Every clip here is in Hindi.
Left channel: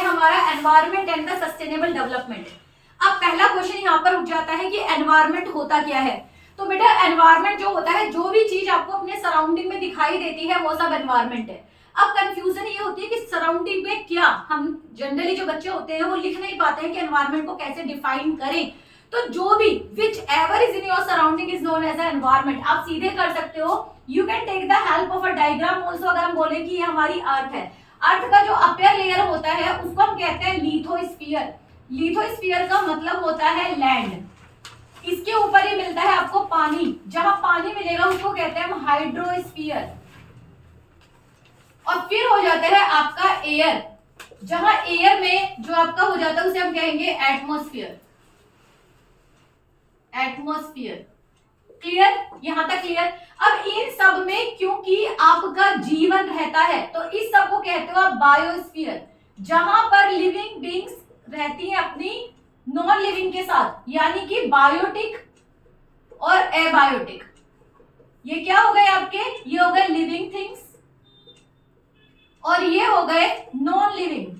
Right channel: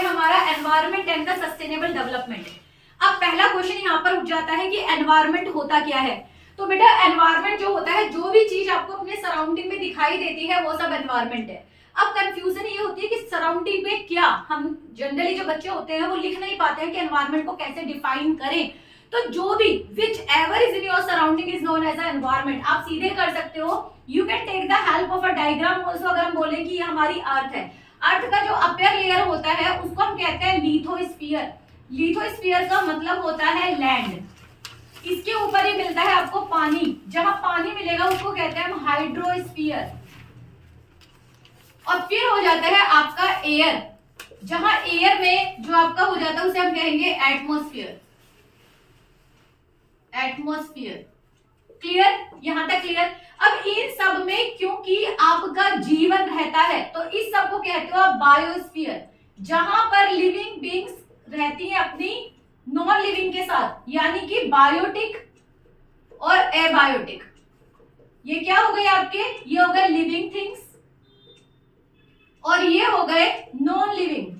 है हमारा environment and the sustainable development. अब पहला क्वेश्चन यहाँ पर उठ जाता है कि एनवायरमेंट होता क्या है। तो बेटा एनवायरमेंट जो होता है, जो भी चीज आपको अपने सराउंडिंग में दिखाई देती है वो सब एनवायरमेंट है। अब कंफ्यूजन ये होती है कि सराउंडिंग में क्या, हम जनरली जो बच्चे होते हैं वो लिख नहीं पाते हैं कि एनवायरमेंट को कैसे डिफाइन करें। तो जो भी whichever is in your surrounding is known as a environment. आप सीधे कर सकते हो, you can take the help of a diagram also. अगर हम बोले कि ये हमारी अर्थ है, अर्थ का जो अपर लेयर होता है उसको हम कहते हैं लिथोस्फीयर। लिथोस्फीयर का मतलब होता है लैंड। इसके ऊपर ही मिलता है आपको पानी, जहां पानी मिलेगा उसको कहते हैं हम हाइड्रोस्फीयर। और फिर हो जाता है आपका एयर, जहां एयर में जो आपका हो जाता है उसे हम कहेंगे एटमॉस्फेयर। एटमॉस्फेयर क्लियर, यहां तक क्लियर। अब इन सब में क्योंकि आपका जीवन रहता है तो इस सब को कहते हो आप बायोस्फीयर, जहां पर लिविंग बीइंग्स रहती हैं अपनी नॉन लिविंग के साथ, यानी कि बायोटिक और एबायोटिक। ये क्या हो गए आपके, ये हो गए लिविंग थिंग्स और ये हो गए नॉन लिविंग।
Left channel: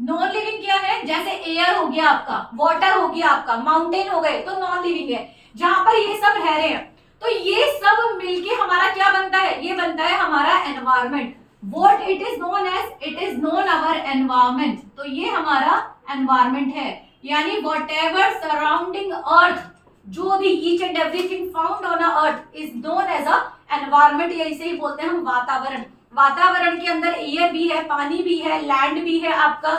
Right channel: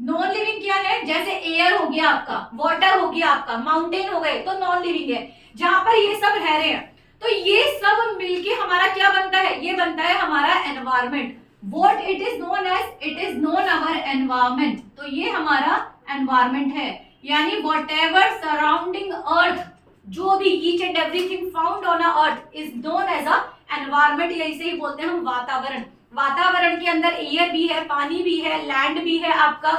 नॉन लिविंग क्या है, जैसे एयर हो गया आपका, वाटर हो गया आपका, माउंटेन हो गए तो नॉन लिविंग है, जहां पर ये सब रह रहे हैं। तो ये सब मिलके हमारा क्या बनता है, ये बनता है हमारा environment. What it is known as, it is known our environment. तो ये हमारा एनवायरमेंट है, यानी वॉट एवर सराउंडिंग अर्थ, जो भी each and everything found on earth is known as a environment. या इसे ही बोलते हैं हम वातावरण। वातावरण के अंदर एयर भी है, पानी भी है, लैंड भी है, आपका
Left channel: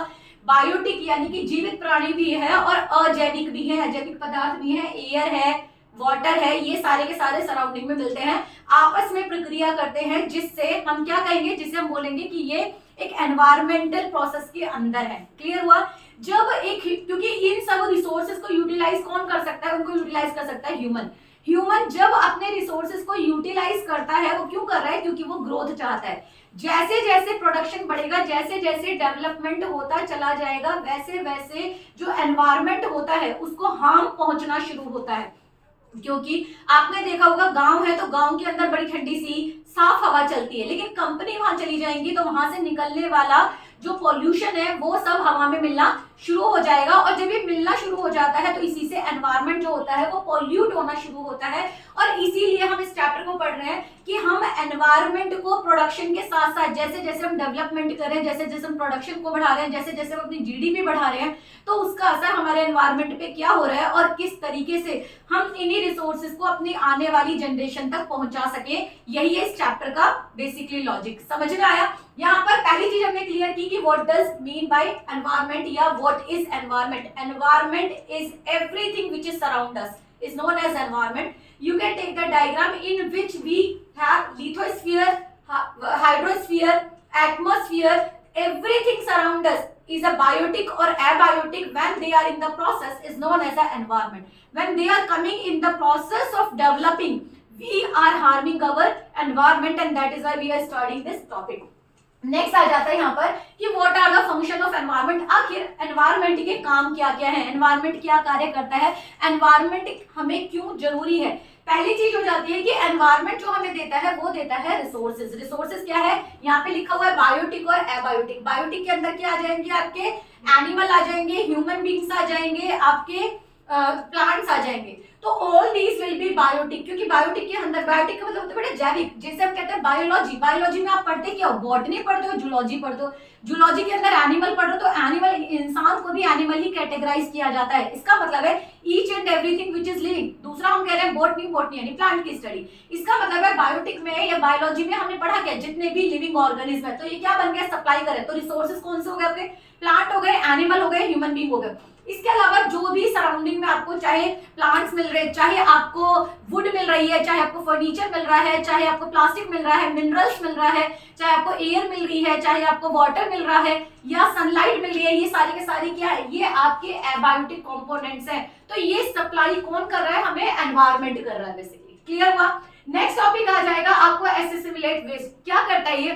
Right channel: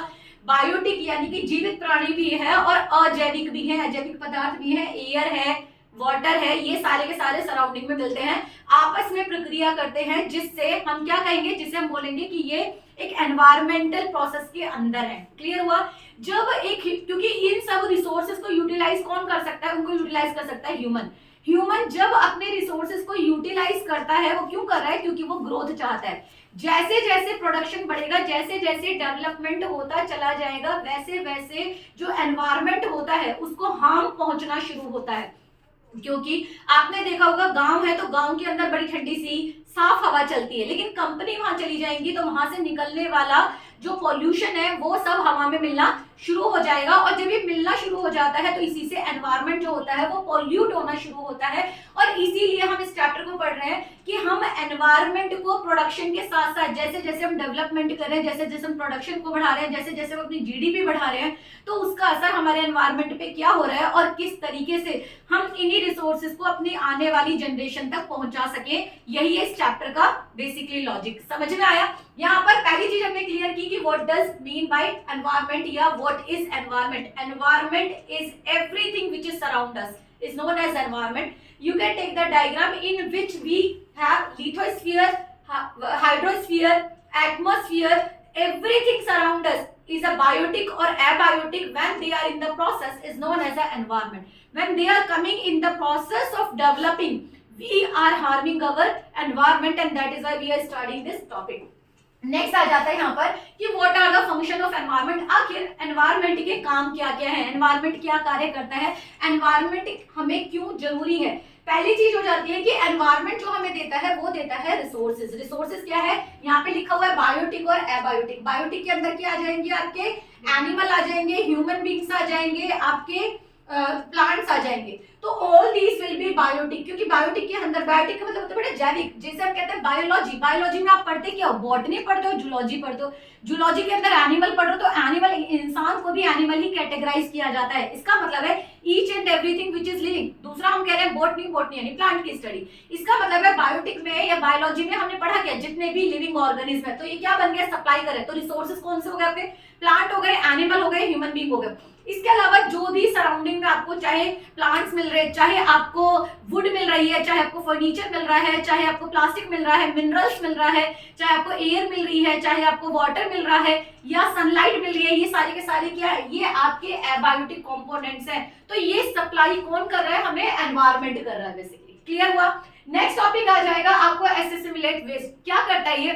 बायोटिक यानी कि जीवित प्राणी भी है और अजैविक भी है, अजैविक पदार्थ भी है, एयर है, वाटर है। ये सारे के सारे सराउंडिंग में मिलते हैं, आपस में प्रक्रिया करते हैं, जिससे हम क्या कहेंगे, जिससे हम बोलेंगे कि ये एक एनवायरमेंटल प्रोसेस के अंदर है। क्लियर हुआ। जब एक, क्योंकि इन सब रिसोर्सेज को यूटिलाइज कौन कर सकता है, उनको यूटिलाइज कर सकता है ह्यूमन। ह्यूमन जब अपने रिसोर्सेज को यूटिलाइज करता है, वो क्यों कर रहा है, क्योंकि वो ग्रोथ चाहता है। जैसे जैसे प्रोडक्शन बढ़ेगा, जैसे जैसे डेवलपमेंट होता चला जाएगा, वैसे वैसे जो एनवायरमेंट होता है उसको हार्म पहुंचना शुरू होता है। क्योंकि आपने देखा होगा गांव है तो गांव के अंदर बड़ी ठंडी सी साफ हवा चलती है, लेकिन कंपनी वहां चली जाएंगी तो वहां से निकलने वाला जो पॉल्यूशन है वो सब हवा में मिलना शुरू हो जाएगा। और जब ये मिलना शुरू हो जाता है तो इसी से एनवायरमेंट जो होता है वो पॉल्यूट होना शुरू होता है। और इसीलिए हम इस चैप्टर को पढ़ रहे हैं कि हम एनवायरमेंट को प्रोडक्शन के साथ साथ, जैसे जैसे हम डेवलपमेंट कर रहे हैं, जैसे जैसे हम प्रोडक्शन को बढ़ा रहे हैं, जैसे जैसे हम अपनी जीडीपी बढ़ा रहे हैं, तो उसका असर हमारे एनवायरमेंट पे क्या हो रहा है और किस तरीके से हम इन्हीं रिसोर्सेज को अपनी आने वाली जनरेशन तक पहुंचा सके। यही है इस चैप्टर का बेसिकली लॉजिक। समझ में आया। यहाँ पर पहली चीज हमने क्लियर की कि what does mean by environment या what is environment. Environment is everything which is surround us is known as environment. You can take the diagram in which we have lithosphere, hydrosphere, atmosphere. Everything surround us is a biotic or abiotic. When they are in the process is known as an environment. When they are coming in the process of developing, we are harming our environment, and that is why we are studying this topic. Next आ जाता है यहाँ पर कि what are the function of environment. आखिर एनवायरनमेंट के काम क्या क्या है, एनवायरनमेंट क्या कार्य करता है, एनवायरनमेंट हमें क्यों जरूरी है। पहली चीज हो जाती है कि एनवायरनमेंट जो हमें देता है वो देता है रिसोर्सेज। रिसोर्सेज क्या है, यहाँ पे लिखा हुआ है बायोटिक और एबायोटिक। बायोटिक के अंदर क्या आ जाएंगे, आपके एनिमल आ जाएंगे, ह्यूमन बींग्स आ जाएंगे, आपके प्लांट्स आ जाएंगे। तो all these will be biotic, क्योंकि बायोटिक के अंदर, बायोटिक का मतलब होता है बड़े जैविक, जिसे हम कहते हैं बायोलॉजी। बायोलॉजी में आप पढ़ते क्या हो, बॉटनी पढ़ते हो, जूलॉजी पढ़ते हो। जूलॉजी के अंदर एनिमल पढ़ो तो एनिमल, इंसान को भी एनिमल ही कैटेगराइज किया जाता है। इसका मतलब है each and everything which is living. दूसरा हम कह रहे हैं बॉटनी, बॉटनी यानी प्लांट की स्टडी। इसका मतलब है बायोटिक में या बायोलॉजी में हमने पढ़ा क्या, जितने भी लिविंग ऑर्गेनिज्म है तो ये क्या बन गया, सप्लाई करे। तो रिसोर्सेज कौन से हो गए आपके, प्लांट हो गए, एनिमल हो गए, ह्यूमन बींग हो गए। इसके अलावा जो भी सराउंडिंग में आपको चाहे प्लांट्स मिल रहे, चाहे आपको वुड मिल रही है, चाहे आपको फर्नीचर मिल रहा है, चाहे आपको प्लास्टिक मिल रहा है, मिनरल्स मिल रहा है, चाहे आपको एयर मिल रही है, चाहे आपको वाटर मिल रहा है या सनलाइट मिल रही है, ये सारी के सारी क्या है, ये आपके एबायोटिक कंपोनेंट्स हैं। तो ये सप्लाई कौन कर रहा है, हमें एनवायरनमेंट कर रहा है बेसिकली। क्लियर हुआ। नेक्स्ट टॉपिक आ जाएगा आपको एसेसिमिलेट वेस्ट। क्या करता है ये,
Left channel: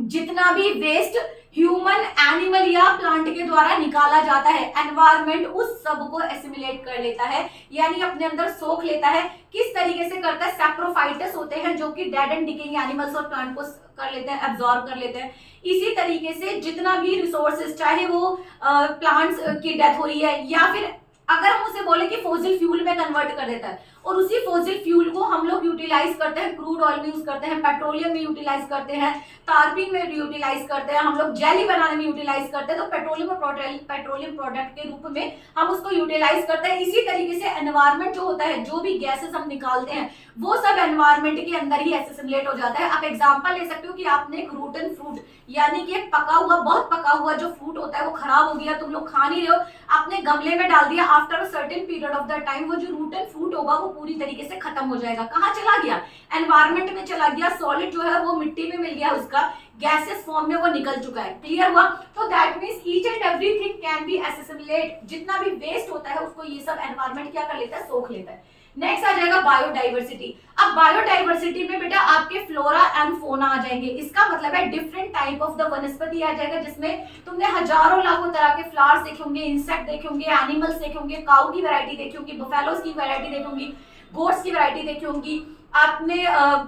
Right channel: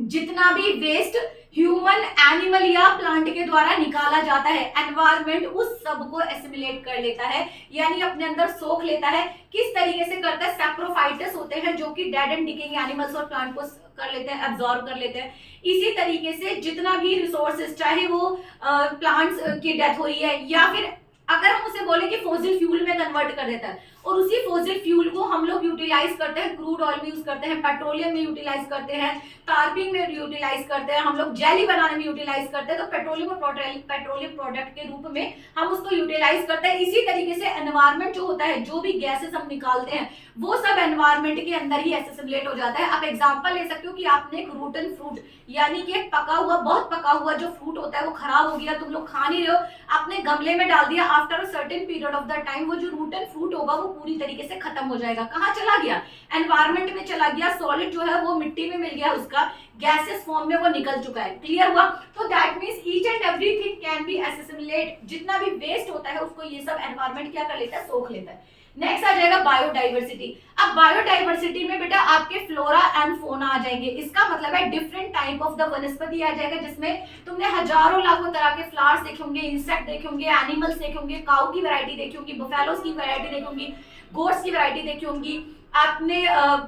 जितना भी वेस्ट ह्यूमन, एनिमल या प्लांट के द्वारा निकाला जाता है, एनवायरमेंट उस सब को एसिमिलेट कर लेता है, यानी अपने अंदर सोख लेता है। किस तरीके से करता है? सैप्रोफाइटस होते हैं जो कि डेड एंड डिकेइंग एनिमल्स और प्लांट को कर लेते हैं, एब्जॉर्ब कर लेते हैं। इसी तरीके से जितना भी रिसोर्सेज, चाहे वो प्लांट्स की डेथ हो रही है या फिर अगर हम उसे बोले कि फॉसिल फ्यूल में कन्वर्ट कर देता है, और उसी फॉसिल फ्यूल को हम लोग यूटिलाइज करते हैं, क्रूड ऑयल में यूज करते हैं, पेट्रोलियम में यूटिलाइज करते हैं, टार्पिन में यूटिलाइज करते हैं, हम लोग जेली बनाने में यूटिलाइज करते हैं, तो पेट्रोलियम प्रोडक्ट के रूप में हम उसको यूटिलाइज करते हैं। इसी तरीके से एनवायरमेंट जो होता है, जो भी गैसेस हम निकालते हैं वो सब एनवायरमेंट के अंदर ही एसिमिलेट हो जाता है। आप एग्जांपल ले सकते हो कि आपने एक रूटन फ्रूट, यानी कि एक पका हुआ, बहुत पका हुआ जो फ्रूट होता है वो खराब हो गया, तुम लोग खा नहीं रहे हो, आपने गमले में डाल दिया, after a certain period of the time वो जो रूटन फ्रूट होगा वो पूरी तरीके से खत्म हो जाएगा। कहाँ चला गया? एनवायरमेंट में चला गया, सॉलिड जो है वो मिट्टी में मिल गया, उसका गैसेस फॉर्म में वो निकल चुका है। क्लियर हुआ? तो that means each and everything can be assimilate. जितना भी वेस्ट होता है उसको ये सब एनवायरमेंट क्या कर लेता है? सोख लेता है। नेक्स्ट आ जाएगा बायोडाइवर्सिटी। अब बायोडाइवर्सिटी में बेटा आपके फ्लोरा एंड फोना आ जाएंगे। इसका मतलब है डिफरेंट टाइप ऑफ द वनस्पति आ जाएगा, जिसमें तुमने हजारों लाखों तरह के फ्लावर्स देखे होंगे, इंसेक्ट देखे होंगे, एनिमल्स देखे होंगे, काऊ की वैरायटी देखी होंगी, बफेलोज की वैरायटी देखी होंगी, गोट्स की वैरायटी देखी होंगी, आपने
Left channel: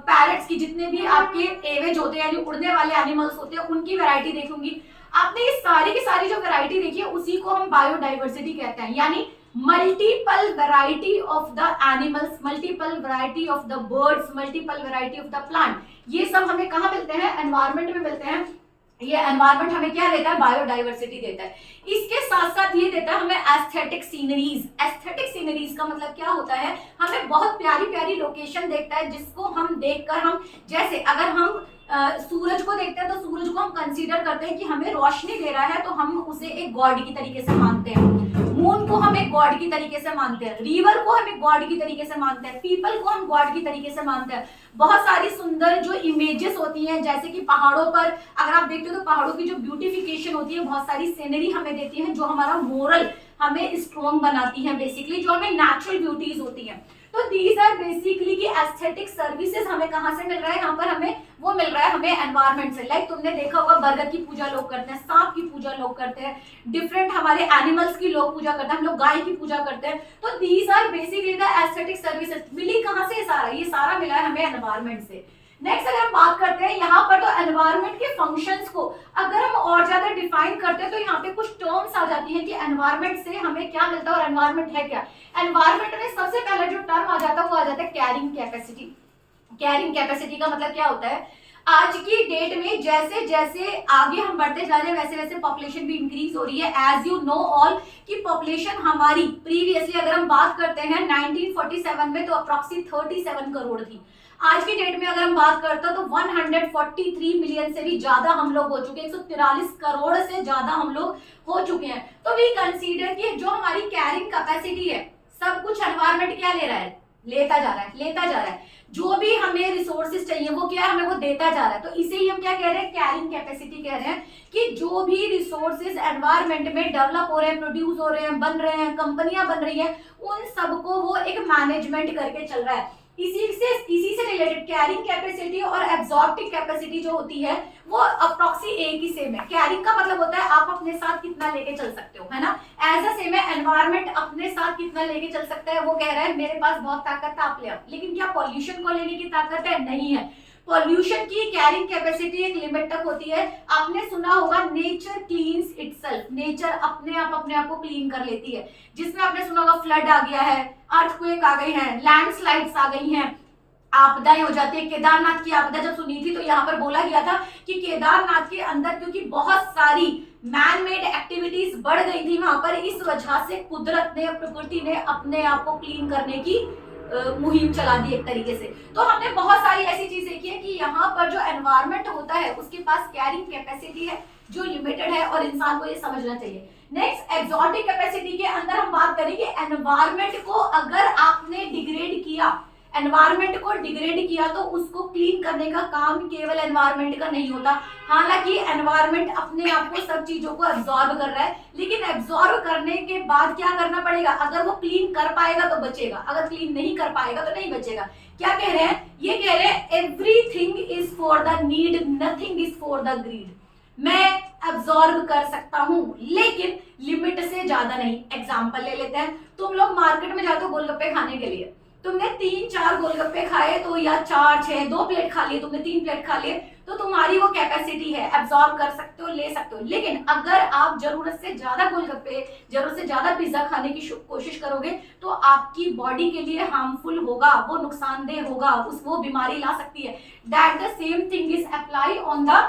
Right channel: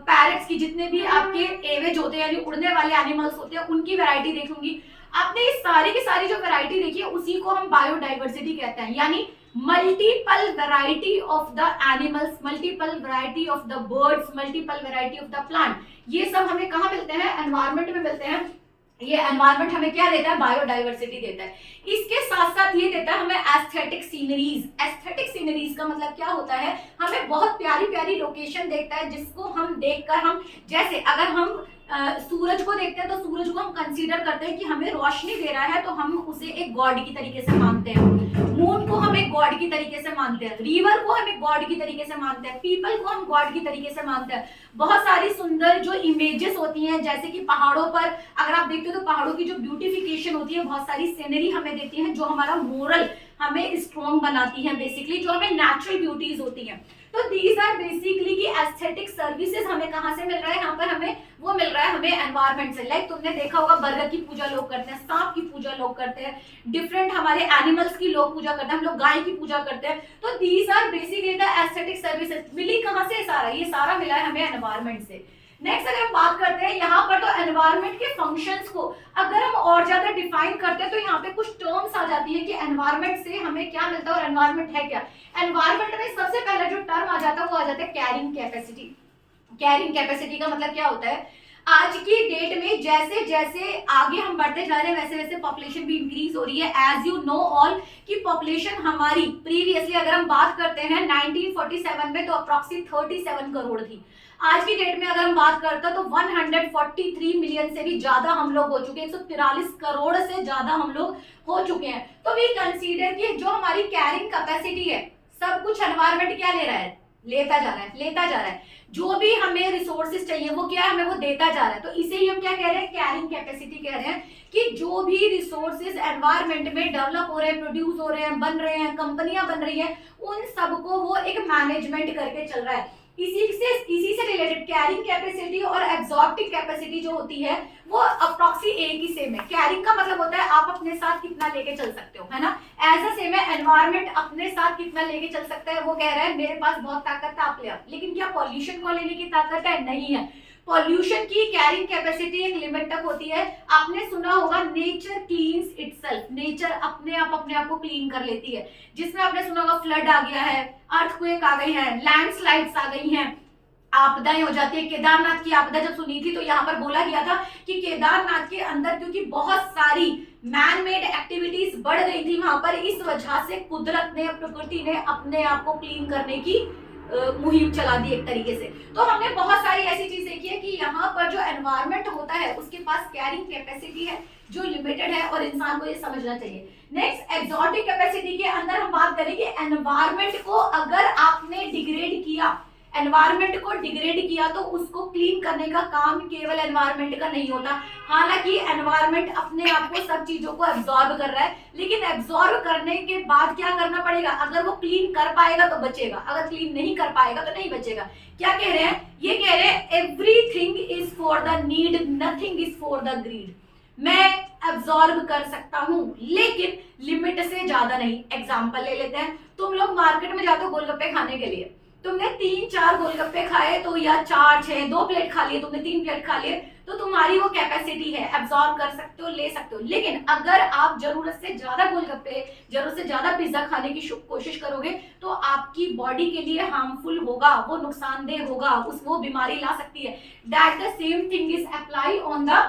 पैरट्स की, जितने भी आपके एवेज होते हैं यानी उड़ने वाले एनिमल्स होते हैं उनकी वैरायटी देखी होंगी। आपने ये सारी की सारी जो वैरायटी देखी है उसी को हम बायोडाइवर्सिटी कहते हैं, यानी multiple variety of the animals, multiple variety of the birds, multiple variety of the plant. ये सब हमें कहाँ मिलते हैं? एनवायरमेंट में मिलते हैं। ये एनवायरमेंट हमें क्या देता है? बायोडाइवर्सिटी देता है। इसके साथ साथ ये देता है हमें एस्थेटिक सीनरीज। एस्थेटिक सीनरीज का मतलब क्या होता है? हमें बहुत प्यारी प्यारी लोकेशन देखता है, जिसको हम देखकर हम, जैसे अगर हम सूरज को देखते हैं तो सूरज को हम कंसीडर करते हैं कि हमें रोशनी दे रहा है, तो हम उसे एक गॉड की तरीके से मानते हैं। मून को हम एक गॉड की तरीके से मानते हैं, रिवर को हम एक गॉड की तरीके से मानते हैं, पीपल को हम गॉड की तरीके से मानते हैं। बहुत सारी सुंदर जो इमेजेस होती हैं, जैसे कि पहाड़ों पर अगर आप देखते हो तो पहाड़ों की जो ब्यूटिफिकेशन होती है, बहुत सारी सीनरी हमें देती है जो हमारा मोरल हमें स्ट्रॉन्ग बनाती है, बेसिकली जो हमें नेचुरल ब्यूटीज होती हैं। तो दीज आर बेसिकली की एस्थेटिक सर्विसेज हमें कहाँ से मिल रहा है? यहाँ पर हमें वो मिल रहा है हमें एनवायरमेंट से। लाइक तुमने देखा होगा बरगद की पूजा लोग करते हैं, सांप की पूजा लोग करते हैं, डिफरेंट हमारे एनिमल्स की लोग पूजा करते हैं, हम लोग गाय की पूजा करते हैं। तो these are basically the aesthetic services. मिली कहाँ से? सारा ये सारा मिला है हमें एनवायरमेंट से। नेक्स्ट अगर हम बात करते हैं यहाँ पर, तो एनवायरमेंट के फंक्शंस को अगर हम और ज्यादा डिफाइन करते हैं तो यहाँ पे कुछ टर्म्स आ जाती है कि एनवायरमेंट से हमें क्या मिलता है और एनवायरमेंट है क्या। एनवायरमेंट में सबसे पहला जो टर्म आ जाता है वो आ जाता है कैरिंग कैपेसिटी। कैरिंग कैपेसिटी का मतलब क्या होता है? आज की डेट में जैसे जैसे आगे हम बढ़ते जा रहे हैं वैसे वैसे पॉपुलेशन भी इंक्रीज हो रही है। एज यू नो ऑल कि पॉपुलेशन हमारी प्रीवियसली अगर हम बात करते हैं 1947 में तो अप्रॉक्सिमेट 37 करोड़ थी। आज की डेट में अगर हम बात करते हैं तो 143 मिलियन से भी ज्यादा हम लोग हो चुके हैं, 143 करोड़ से ज्यादा हम लोग हो चुके हैं। तो वी कंसीडर कि जो हमारी कैरिंग कैपेसिटी है, सब कुछ एनवायरमेंट क्या ले रहा है? लेता जा रहा है, लेता जा रहा है। जो भी हमें रिसोर्सेज चाहिए वो क्या है? हमें वो देता जा रहा है। तो इसे ही हम क्या कह रहे हैं? कैरिंग कैपेसिटी कह रहे हैं कि जो भी रिसोर्सेज एनवायरमेंट में डेवलप हो रहे हैं, प्रोड्यूस हो रहे हैं, बन रहे हैं, कंपनियां बन रही हैं, उन सबको वो एक मैनेजमेंट करके चल रहा है। इसी से रिलेटेड कैरिंग कैपेसिटी और एब्जॉर्प्टिव कैपेसिटी जो होती है वो अप्रॉक्सी एक ही सेम है। कैरिंग का मतलब होता है आप अपने साथ कितना लेके चल सकते हो, है ना। एज अ सेम है एनवायरमेंट अपने साथ कितना लेके चल सकता है। वो कह रहा है मेरे पास बहुत ताकत है, आप ले आओ। लेकिन क्या पॉल्यूशन को लेने की ताकत है? नहीं है। पॉल्यूशन की कैरिंग कैपेसिटी एक लिमिट तक होती है। आपने सुना होगा नेचर क्लीन्स इटसेल्फ, नेचर अपने आप को क्लीन कर लेती है। जिसमें आपने सुना होगा फ्लड आ गया है, अर्थक्वेक आ गई है, लैंडस्लाइड्स आ गई हैं, आपदाएं हो जाती है। केदारनाथ की आपदा जब सुनी थी तो यहाँ पर बोला गया था कि केदारनाथ के अंदर क्योंकि बहुत सारी मैन मेड एक्टिविटीज बढ़ गई थी वहां पर, इस वजह से कुदरत ने, प्रकृति ने अपने आप को क्लीन करने की मुहिम चला दी एक तरीके से। तो हमने बहुत सारी ऐसी चीज देखी है कि यहाँ पर जो एनवायरमेंट होता है उसके पास कैरिंग कैपेसिटी है जो लिमिटेड है और इंसान को ये समझना चाहिए। नेक्स्ट एग्जॉटिक कैपेसिटी के अंदर हम बात करें कि एनवायरमेंट को अगर आपने डिग्रेड किया, एनवायरनमेंट को डिग्रेड किया तो उसको क्लीन करने का काम केवल एनवायरनमेंट का नहीं होता। हालांकि एनवायरनमेंट अपने आप को सब चीजों को एब्जॉर्ब कर रहा है, लेकिन एब्जॉर्ब करने के बाद क्या करना पड़ेगा, अगर वो क्लीन कर पाएगा तो बचेगा, अगर क्लीन नहीं कर पाएगा तो नहीं बचेगा। क्या कह रहे हैं, ये कह रहे हैं everything is for the need, nothing is for the greed. मैं एब्जॉर्ब कर सकता हूं लेकिन लिमिट से ज्यादा नहीं। एग्जांपल ले लेते हैं, तुम लोग मार्केट में जाते हो गोलगप्पे खाने के लिए, तुमने 3-4 गोलगप्पे खाए तो, या 4-6 2 प्लेट खा लिए, तुमने 3 प्लेट खा लिए, तो तुम्हारी वो कैपेसिटी है, एब्जॉर्ब कर सकते हो, ले सकते हो। लेकिन अगर आप जरूरत से ज्यादा गोलगप्पे, जरूरत से ज्यादा पिज्जा खाने की कोशिश करोगे तो आपकी बॉडी के लिए हार्मफुल होगा, वो नुकसानदेह होगा, वो बीमारी ला सकती है। That the same thing is apply on the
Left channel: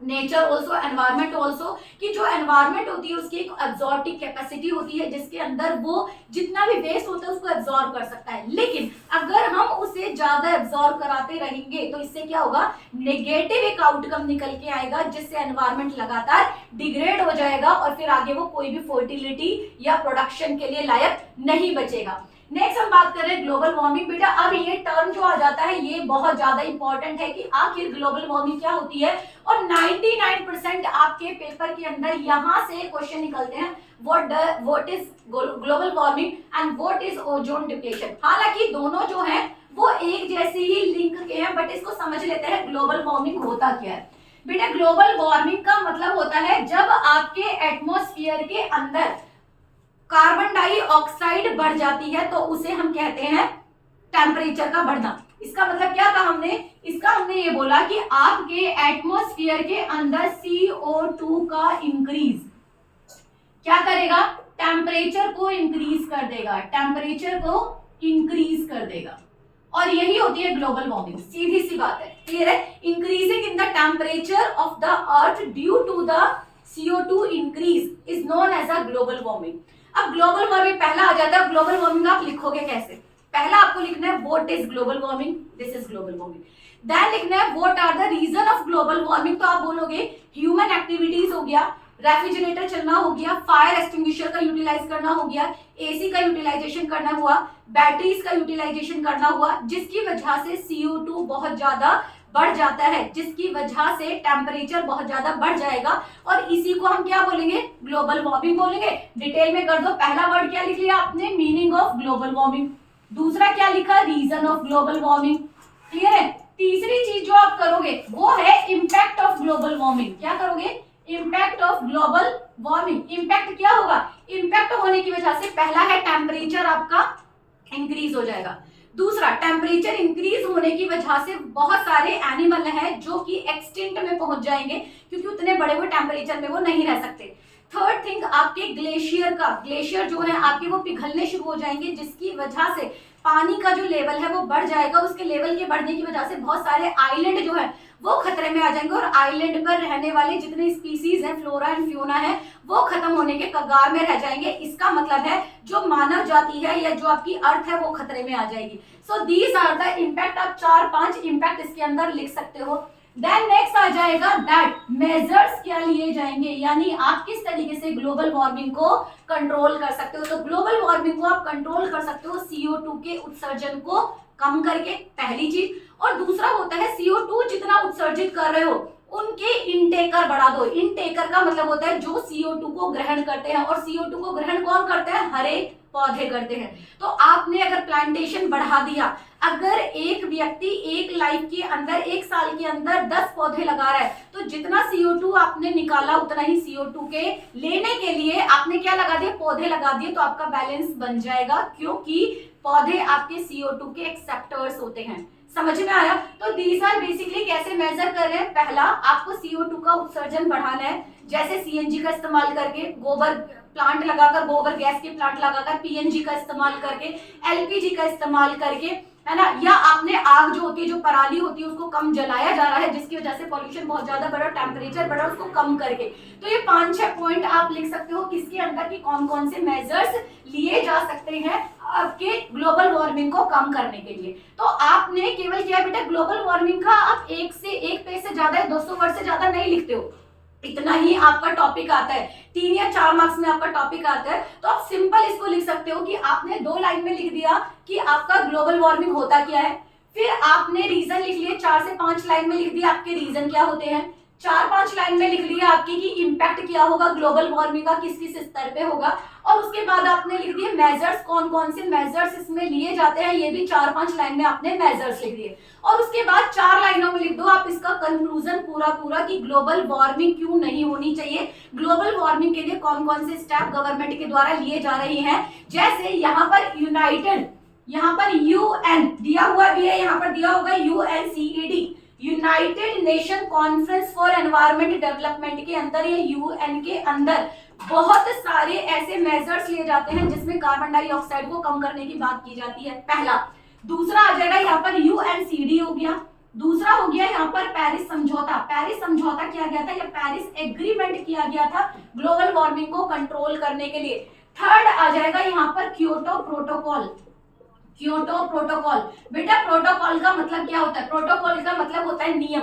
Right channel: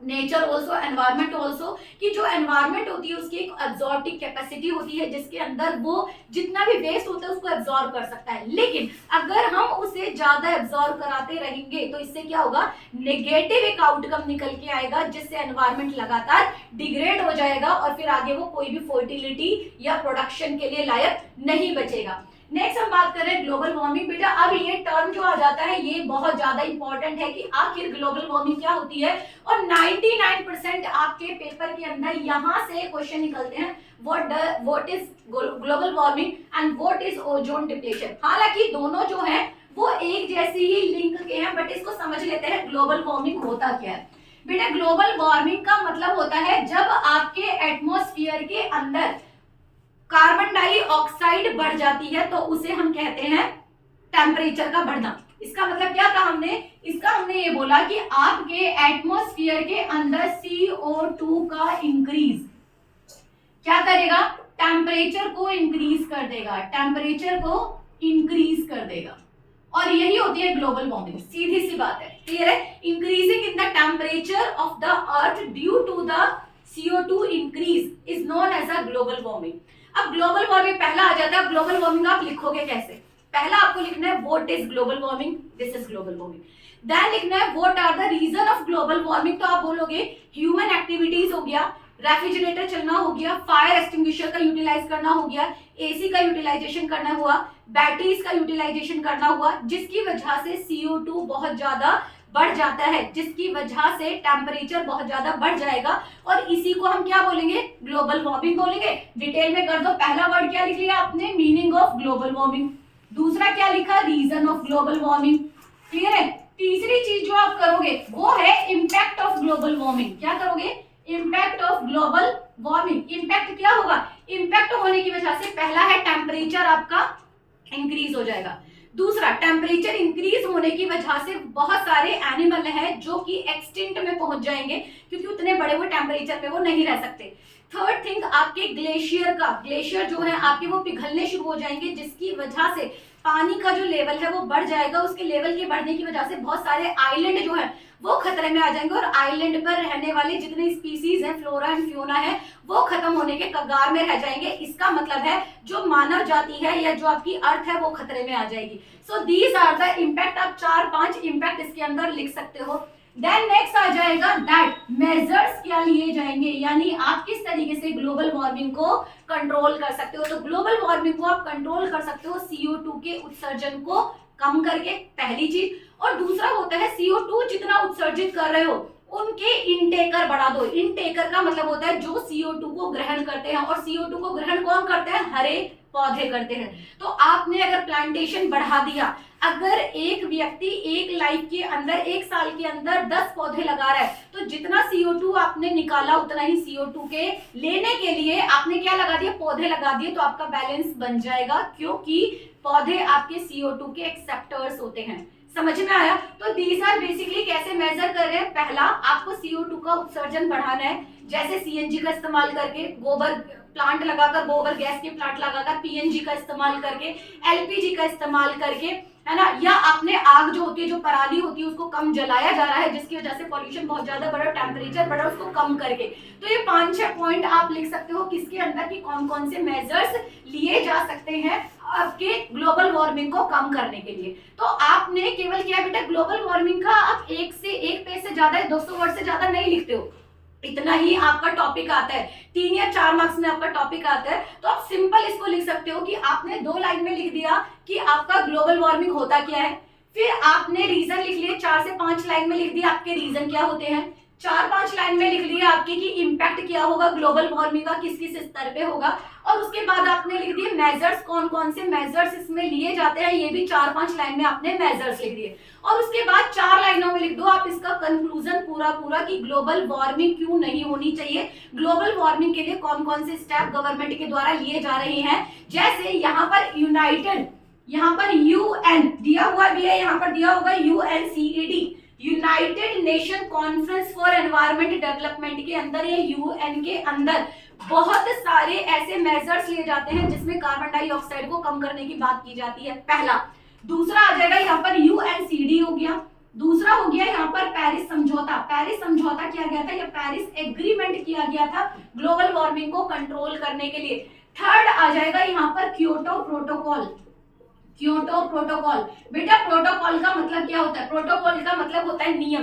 nature also, environment also, कि जो एनवायरमेंट होती है उसकी एक एब्जॉर्बिंग कैपेसिटी होती है, जिसके अंदर वो जितना भी वेस्ट होता है उसको एब्जॉर्ब कर सकता है। लेकिन अगर हम उसे ज्यादा एब्जॉर्ब कराते रहेंगे तो इससे क्या होगा, नेगेटिव एक आउटकम निकल के आएगा, जिससे एनवायरमेंट लगातार डिग्रेड हो जाएगा और फिर आगे वो कोई भी फर्टिलिटी या प्रोडक्शन के लिए लायक नहीं बचेगा। नेक्स्ट हम बात कर रहे हैं ग्लोबल वार्मिंग। बेटा अब ये टर्म जो आ जाता है ये बहुत ज्यादा इंपॉर्टेंट है कि आखिर ग्लोबल वार्मिंग क्या होती है, और 99% आपके पेपर के अंदर यहाँ से क्वेश्चन निकलते हैं, what is global warming and what is ozone depletion. हालांकि दोनों जो हैं वो एक जैसे ही लिंक के हैं, बट इसको समझ लेते हैं ग्लोबल वार्मिंग होता क्या है। बेटा ग्लोबल वार्मिंग का मतलब होता है जब आपके एटमॉस्फेयर के अंदर कार्बन डाइऑक्साइड बढ़ जाती है तो उसे हम कहते हैं टेम्परेचर का बढ़ना। इसका मतलब क्या कहा हमने, इसका हमने ये बोला कि आपके एटमॉस्फेयर के अंदर CO2 का इंक्रीज क्या करेगा, टेम्परेचर को इंक्रीज कर देगा, टेम्परेचर को इंक्रीज कर देगा, और यही होती है ग्लोबल वार्मिंग। सीधी सी बात है, क्लियर है। Increasing in the temperature of the earth due to the CO2 increase is known as a global warming. अब ग्लोबल वार्मिंग पहला आ जाता है, ग्लोबल वार्मिंग आप लिखोगे कैसे, पहला आपको लिखना है what is global warming, this is global warming. Then लिखना है what are the reason of global warming, तो आप बोलोगे ह्यूमन एक्टिविटीज हो गया, रेफ्रिजरेटर चलना हो गया, फायर एक्सटिंग्विशर का यूटिलाइज करना हो गया, एसी का यूटिलाइजेशन करना हुआ, बैटरीज का यूटिलाइजेशन करना हुआ, जिसकी वजह से CO2 बहुत ज्यादा बढ़ जाता है, जिसकी वजह से टेम्परेचर बहुत ज्यादा बढ़ जाएगा, और इसी को हम क्या बोलेंगे, ग्लोबल वार्मिंग बोलेंगे। डिटेल में कर दो, पहला वर्ड क्या लिख लिया आपने, मीनिंग ऑफ ग्लोबल वार्मिंग, दूसरा क्या लिखा, reason of global warming, clear है। तीसरी चीज जो आप करोगे वो है इम्पैक्ट ऑफ ग्लोबल वार्मिंग। क्या करोगे, impact of global warming. Impact क्या होगा, इम्पैक्ट होने की वजह से पहला है टेम्परेचर आपका इंक्रीज हो जाएगा, दूसरा टेम्परेचर इंक्रीज होने की वजह से बहुत सारे एनिमल हैं जो कि एक्सटिंक्ट में पहुंच जाएंगे, क्योंकि उतने बड़े वो टेम्परेचर में वो नहीं रह सकते। थर्ड थिंग, आपके ग्लेशियर जो है आपके वो पिघलने शुरू हो जाएंगे, जिसकी वजह से पानी का जो लेवल है वो बढ़ जाएगा। उसके लेवल के बढ़ने की वजह से बहुत सारे आइलैंड जो है वो खतरे में आ जाएंगे, और आइलैंड पर रहने वाले जितने स्पीसीज हैं, फ्लोरा एंड फ्योना है, वो खत्म होने के कगार में रह जाएंगे। इसका मतलब है जो मानव जाति है या जो आपकी अर्थ है वो खतरे में आ जाएगी। So these are the impact. आप 4-5 इम्पैक्ट इसके अंदर लिख सकते हो। देन नेक्स्ट आ जाएगा दैट मेजर्स क्या लिए जाएंगे, यानी आप किस तरीके से ग्लोबल वार्मिंग को कंट्रोल कर सकते हो। तो ग्लोबल वार्मिंग को आप कंट्रोल कर सकते हो CO2 के उत्सर्जन को कम करके, पहली चीज। और दूसरा होता है CO2 जितना उत्सर्जित कर रहे हो उनके इनटेकर बढ़ा दो। इनटेकर का मतलब होता है जो CO2 को ग्रहण करते हैं, और CO2 को ग्रहण कौन करते हैं, हरे पौधे करते हैं। तो आपने अगर प्लांटेशन बढ़ा दिया, अगर एक व्यक्ति एक लाइफ के अंदर 1 साल के अंदर 10 पौधे लगा रहा है, तो जितना CO2 आपने निकाला उतना ही CO2 के लेने के लिए आपने क्या लगा दिया, पौधे लगा दिए, तो आपका बैलेंस बन जाएगा, क्योंकि पौधे आपके CO2 के एक्सेप्टर्स होते हैं। समझ में आया। तो दीज आर बेसिकली कैसे मेजर कर रहे हैं, पहला आपको CO2 का उत्सर्जन बढ़ाना है, जैसे CNG का इस्तेमाल करके, गोबर प्लांट लगाकर, गोबर गैस के प्लांट लगाकर, PNG का इस्तेमाल करके, LPG का इस्तेमाल करके, है ना, या आपने आग जो होती है, जो पराली होती है, उसको कम जलाया जा रहा है, जिसकी वजह से पॉल्यूशन बहुत ज्यादा बढ़ा, टेम्परेचर बढ़ा, उसको कम करके। तो ये 5-6 पॉइंट आप लिख सकते हो किसके अंदर की कौन कौन से मेजर्स लिए जा सकते हैं आपके ग्लोबल वार्मिंग को कम करने के लिए। तो आपने केवल क्या बेटा, ग्लोबल वार्मिंग का आप 1 पेज से ज्यादा, 200 वर्ड से ज्यादा नहीं लिखते हो, इतना ही आपका टॉपिक आता है, 3 या 4 मार्क्स में आपका टॉपिक आता है, तो आप सिंपल इसको लिख सकते हो कि आपने 2 लाइन में लिख दिया कि आपका ग्लोबल वार्मिंग होता क्या है, फिर आपने रीजन लिख लिए, 4 से 5 लाइन में लिख दिया आपके रीजन क्या होते हैं, 4-5 लाइन में लिख लिया आपकी कि इम्पैक्ट क्या होगा ग्लोबल वार्मिंग का, किस किस स्तर पे होगा, और उसके बाद आपने लिख दिए मेजर्स, कौन कौन से मेजर्स इसमें लिए जाते हैं, ये भी 4-5 लाइन में आपने मेजर्स लिख दिए, और उसके बाद 4 लाइनों में लिख दो आप इसका कंक्लूजन पूरा कि ग्लोबल वार्मिंग क्यों नहीं होनी चाहिए, ग्लोबल वार्मिंग के लिए कौन कौन से स्टेप गवर्नमेंट के द्वारा लिए जा रहे हैं। जैसे यहाँ पर यूएन दिया हुआ भी है, यहाँ पर दिया होगा UNCED, United Nation conference for environment development के अंदर, ये यूएन के अंदर बहुत सारे ऐसे मेजर्स लिए जाते हैं जिसमें कार्बन डाइऑक्साइड को कम करने की बात की जाती है, पहला। दूसरा आ जाएगा यहाँ पर यूएनसीडी हो गया, दूसरा हो गया यहाँ पर पेरिस समझौता, पेरिस समझौता किया गया था या पेरिस एग्रीमेंट किया गया था ग्लोबल वार्मिंग को कंट्रोल करने के लिए। थर्ड आ जाएगा यहाँ पर क्योटो प्रोटोकॉल, क्योटो प्रोटोकॉल। बेटा प्रोटोकॉल का मतलब क्या होता है, प्रोटोकॉल का मतलब होता है नियम।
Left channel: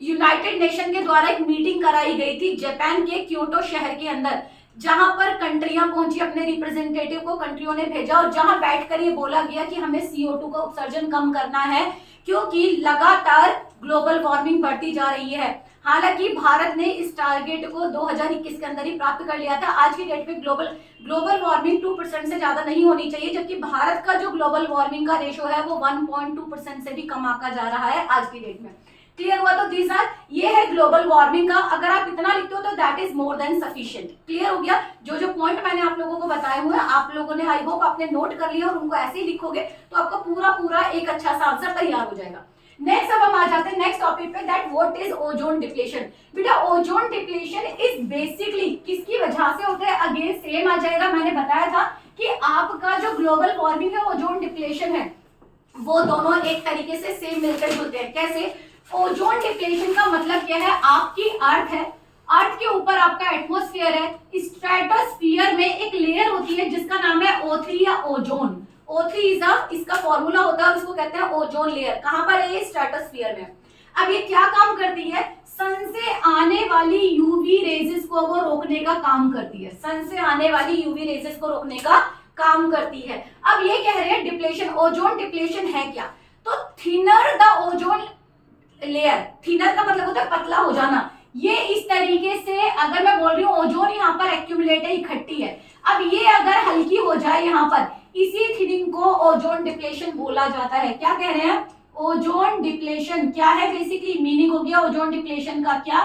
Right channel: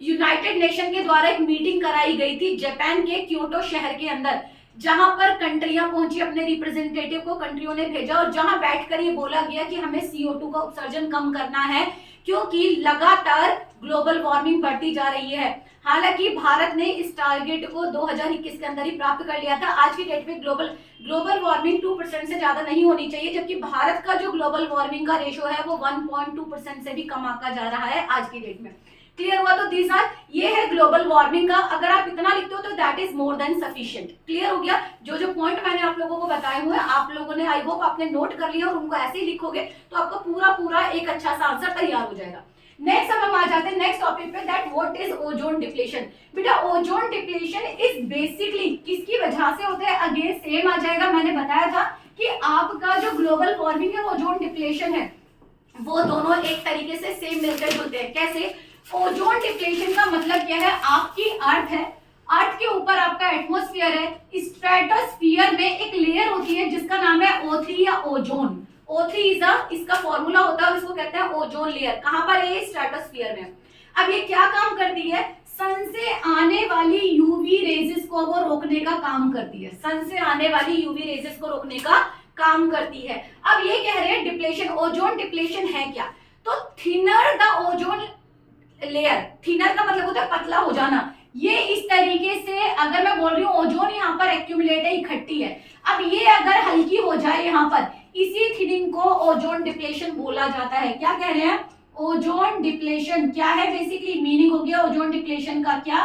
यूनाइटेड नेशन के द्वारा एक मीटिंग कराई गई थी जापान के क्योटो शहर के अंदर, जहां पर कंट्रियां पहुंची, अपने रिप्रेजेंटेटिव को कंट्रियों ने भेजा, और जहां बैठकर ये बोला गया कि हमें CO2 का उत्सर्जन कम करना है क्योंकि लगातार ग्लोबल वार्मिंग बढ़ती जा रही है। हालांकि भारत ने इस टारगेट को 2021 के अंदर ही प्राप्त कर लिया था। आज की डेट में ग्लोबल वार्मिंग 2% से ज्यादा नहीं होनी चाहिए, जबकि भारत का जो ग्लोबल वार्मिंग का रेशो है वो 1.2% से भी कम आका जा रहा है आज की डेट में। क्लियर हुआ? तो दिस आर, ये है ग्लोबल वार्मिंग का। अगर आप इतना लिखते हो तो that is more than sufficient. Clear हो गया? जो जो पॉइंट मैंने आप लोगों को बताए हुए हैं, आप लोगों ने आई होप आपने नोट कर लिया और उनको ऐसे ही लिखोगे तो आपका पूरा एक अच्छा सा आंसर तैयार हो जाएगा। नेक्स्ट अब हम आ जाते हैं नेक्स्ट टॉपिक पे, that what is ozone depletion. बेटा ओजोन डिप्लेशन इज बेसिकली किसकी वजह से होता है? अगेन सेम आ जाएगा, मैंने बताया था कि आपका जो ग्लोबल वार्मिंग है, ओजोन डिप्लेशन है, वो दोनों एक तरीके से सेम मिलकर जुलते हैं। कैसे? ओजोन डिप्लेशन का मतलब क्या है? आपकी अर्थ है, अर्थ के ऊपर आपका एटमॉस्फेयर है, स्ट्रेटोस्फीयर में एक लेयर होती है जिसका नाम है O3 या ओजोन। O3 इसका फॉर्मूला होता है और इसको कहते हैं ओजोन लेयर। कहां पर है ये? स्ट्रेटोस्फीयर में। अब ये क्या काम करती है? सन से आने वाली यूवी रेजेस को वो रोकने का काम करती है, सन से आने वाली यूवी रेजेस को रोकने का काम करती है। अब ये कह रहे हैं डिप्लेशन, ओजोन डिप्लेशन है क्या? तो thinner the ozone layer, thinner का मतलब होता है पतला हो जाना। ये इस तरीके से, अगर मैं बोल रही हूँ ओजोन यहाँ पर एक्यूमुलेट है, इकट्ठी है, अब ये अगर हल्की हो जाए यहाँ पर, इसी थिनिंग को ओजोन डिप्लेशन बोला जाता है। क्या कह रहे हैं? ओजोन डिप्लेशन क्या है? बेसिकली मीनिंग हो गया ओजोन डिप्लेशन का क्या?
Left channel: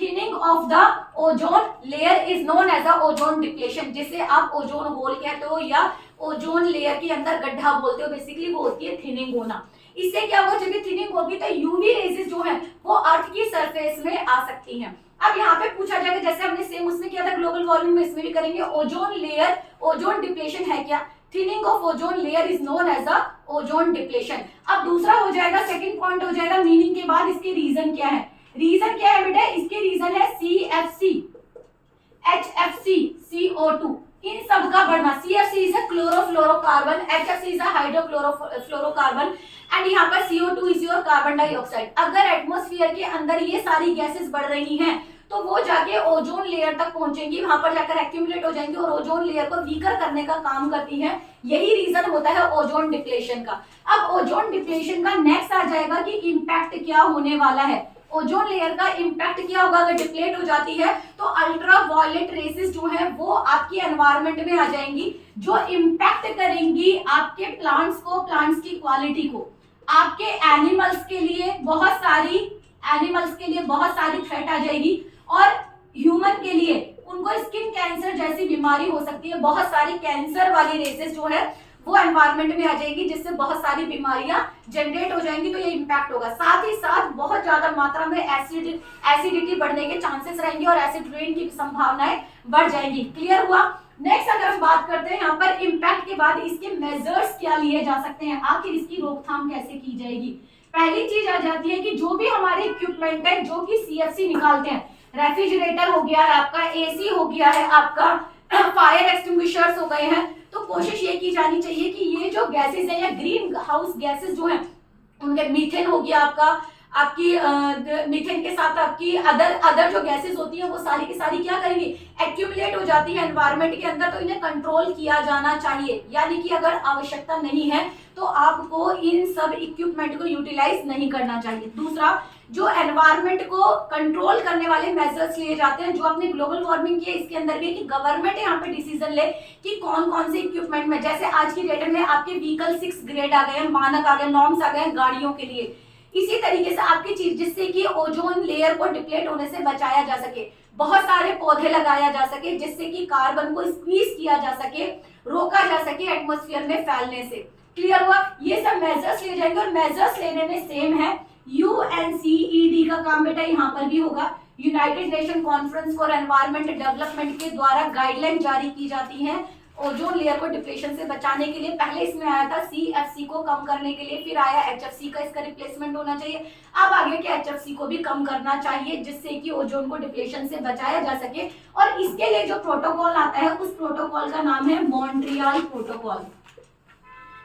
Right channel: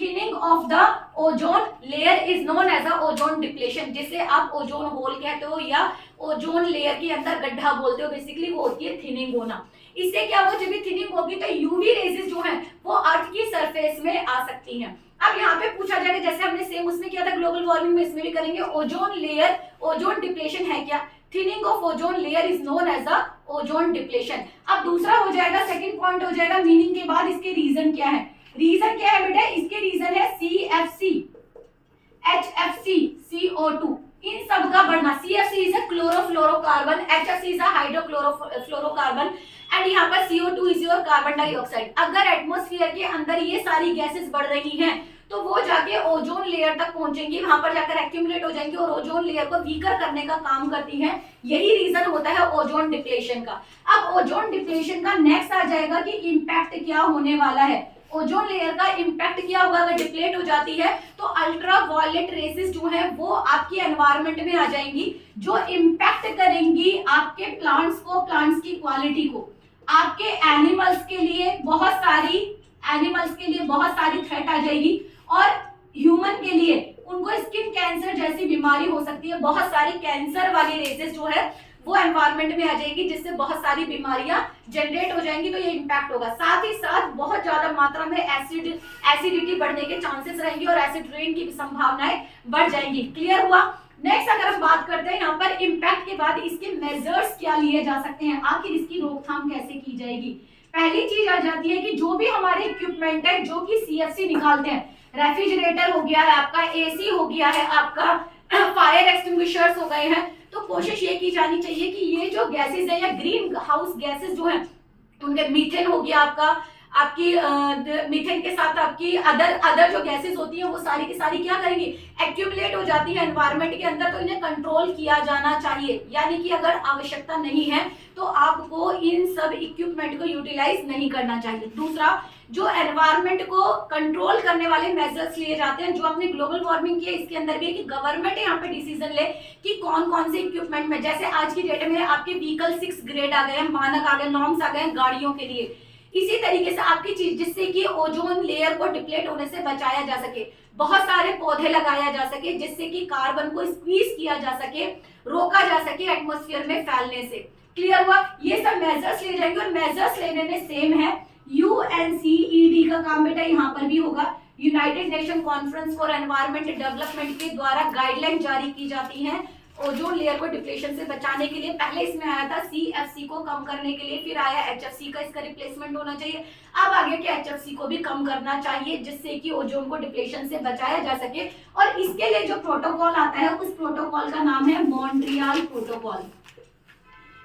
Thinning of the ozone layer is known as a ozone depletion, जिसे आप ओजोन होल कहते हो या ओजोन लेयर के अंदर गड्ढा बोलते हो। बेसिकली वो होती है थिनिंग होना। इससे क्या होगा? जब भी थिनिंग होगी तो यूवी रेजेस जो है वो अर्थ की सरफेस में आ सकती हैं। अब यहाँ पे पूछा जाएगा, जैसे हमने सेम उसमें किया था ग्लोबल वार्मिंग में, इसमें भी करेंगे। ओजोन लेयर, ओजोन डिप्लेशन है क्या? Thinning of ozone layer is known as a ozone depletion. अब दूसरा हो जाएगा, सेकंड पॉइंट हो जाएगा मीनिंग के बाद इसके रीजन क्या है। रीजन क्या है बेटा? इसके रीजन है CFC, HFC, CO2, इन सब का बढ़ना। CFC is a chlorofluorocarbon, HFC is a hydrochlorofluorocarbon and यहाँ पर CO2 is your carbon dioxide. अगर एटमॉस्फेयर के अंदर ये सारी गैसेस बढ़ रही हैं तो वो जाके ओजोन लेयर तक पहुंचेंगी, वहां पर जाकर एक्यूमुलेट हो जाएंगी और ओजोन लेयर को वीकर करने का काम करती हैं। यही रीजन होता है ओजोन डिप्लेशन का। अब ओजोन डिप्लेशन का नेक्स्ट आ जाएगा कि इम्पैक्ट क्या होने वाला है। ओजोन लेयर का इम्पैक्ट क्या होगा? अगर डिप्लेट हो जाती है तो अल्ट्रा वायलेट रेसेस जो है वो आपके एनवायरनमेंट में आ जाएंगी, जो इम्पैक्ट करेंगी आपके प्लांट्स को, प्लांट्स की क्वालिटी को। आपके एनिमल्स के लिए बहुत सारी थ्रेट आ जाएगी, और ह्यूमन के लिए उनको स्किन कैंसर जैसी बीमारी हो सकती है। बहुत सारी कैंसर वाली रेसेस जो है वो एनवायरनमेंट में आ जाएगी, जिससे बहुत सारी बीमारियां जनरेट हो जाएंगी। तो ये इम्पैक्ट होगा। साथ ही साथ बहुत ज्यादा मात्रा में एसिडिटी बढ़ने के चांसेस रहेंगे और एसिड रेन की संभावनाएं बढ़ जाएंगी। क्लियर हुआ? नेक्स्ट अगर हम बात करते हैं यहाँ पर इम्पैक्ट के बाद इसके मेजर्स क्या लिए जा सकते हैं, आखिर इसकी रोकथाम कैसे की जाएगी। पहली चीज आ जाती है कि जो भी हमारे इक्विपमेंट है जो कि CFC निकालते हैं, रेफ्रिजरेटर हो गया है आपका, AC हो गया है आपका, फायर एक्सटिंग्विशर्स हो गए हैं, तो कोशिश ये की जानी चाहिए कि ये जो गैसेस है या ग्रीन हाउस गैसेस जो हैं, उनके मीथेन हो गया आपका, आपकी मीथेन के साथ आपकी अदर जो गैसेस होती हैं वो सारी की सारी क्या करेंगी, एक्यूमुलेट हो जाती है एनवायरमेंट के अंदर, तो इन्हें कंट्रोल किया जाना चाहिए। यानी कि अगर आवश्यकता नहीं है तो आपको इन सब इक्विपमेंट को यूटिलाइज नहीं करना चाहिए। दूसरा, जो एनवायरमेंट को कंट्रोल करने वाले मेजर्स लिए जाते हैं, जो आपने ग्लोबल वार्मिंग की है इसके अंदर भी है कि गवर्नमेंट यहाँ पे डिसीजन ले कि कौन कौन से इक्विपमेंट में, जैसे आज की डेट में आपके व्हीकल 6 ग्रेड आ गए हैं, मानक आ गए, नॉर्म्स आ गए हैं गाड़ियों के लिए। इसी तरीके से आपकी चीज जिससे कि ओजोन लेयर को डिप्लेट होने से बचाया जा सके, बहुत सारे पौधे लगाया जा सके जिससे कि कार्बन को स्क्वीज किया जा सके, रोका जा सके एटमॉस्फेयर में फैलने से। क्लियर हुआ? ये सब मेजर्स लिए जाएंगे और मेजर्स लेने में सेम है। यूएनसीईडी का काम बेटा यहाँ पर भी होगा, United Nation conference for environment development के द्वारा गाइडलाइन जारी की जाती है ओजोन लेयर को डिप्लेशन से बचाने के लिए। पहले इसमें आया था सीएफसी को कम करने के लिए, फिर आया एचएफसी का, इसका रिप्लेसमेंट होना चाहिए। अब आ गया कि एचएफसी को भी कम करना चाहिए जिससे कि ओजोन को डिप्लेशन से बचाया जा सके। और इसके लिए जो प्रोटोकॉल आता है उस प्रोटोकॉल का नाम है मॉन्ट्रियल प्रोटोकॉल।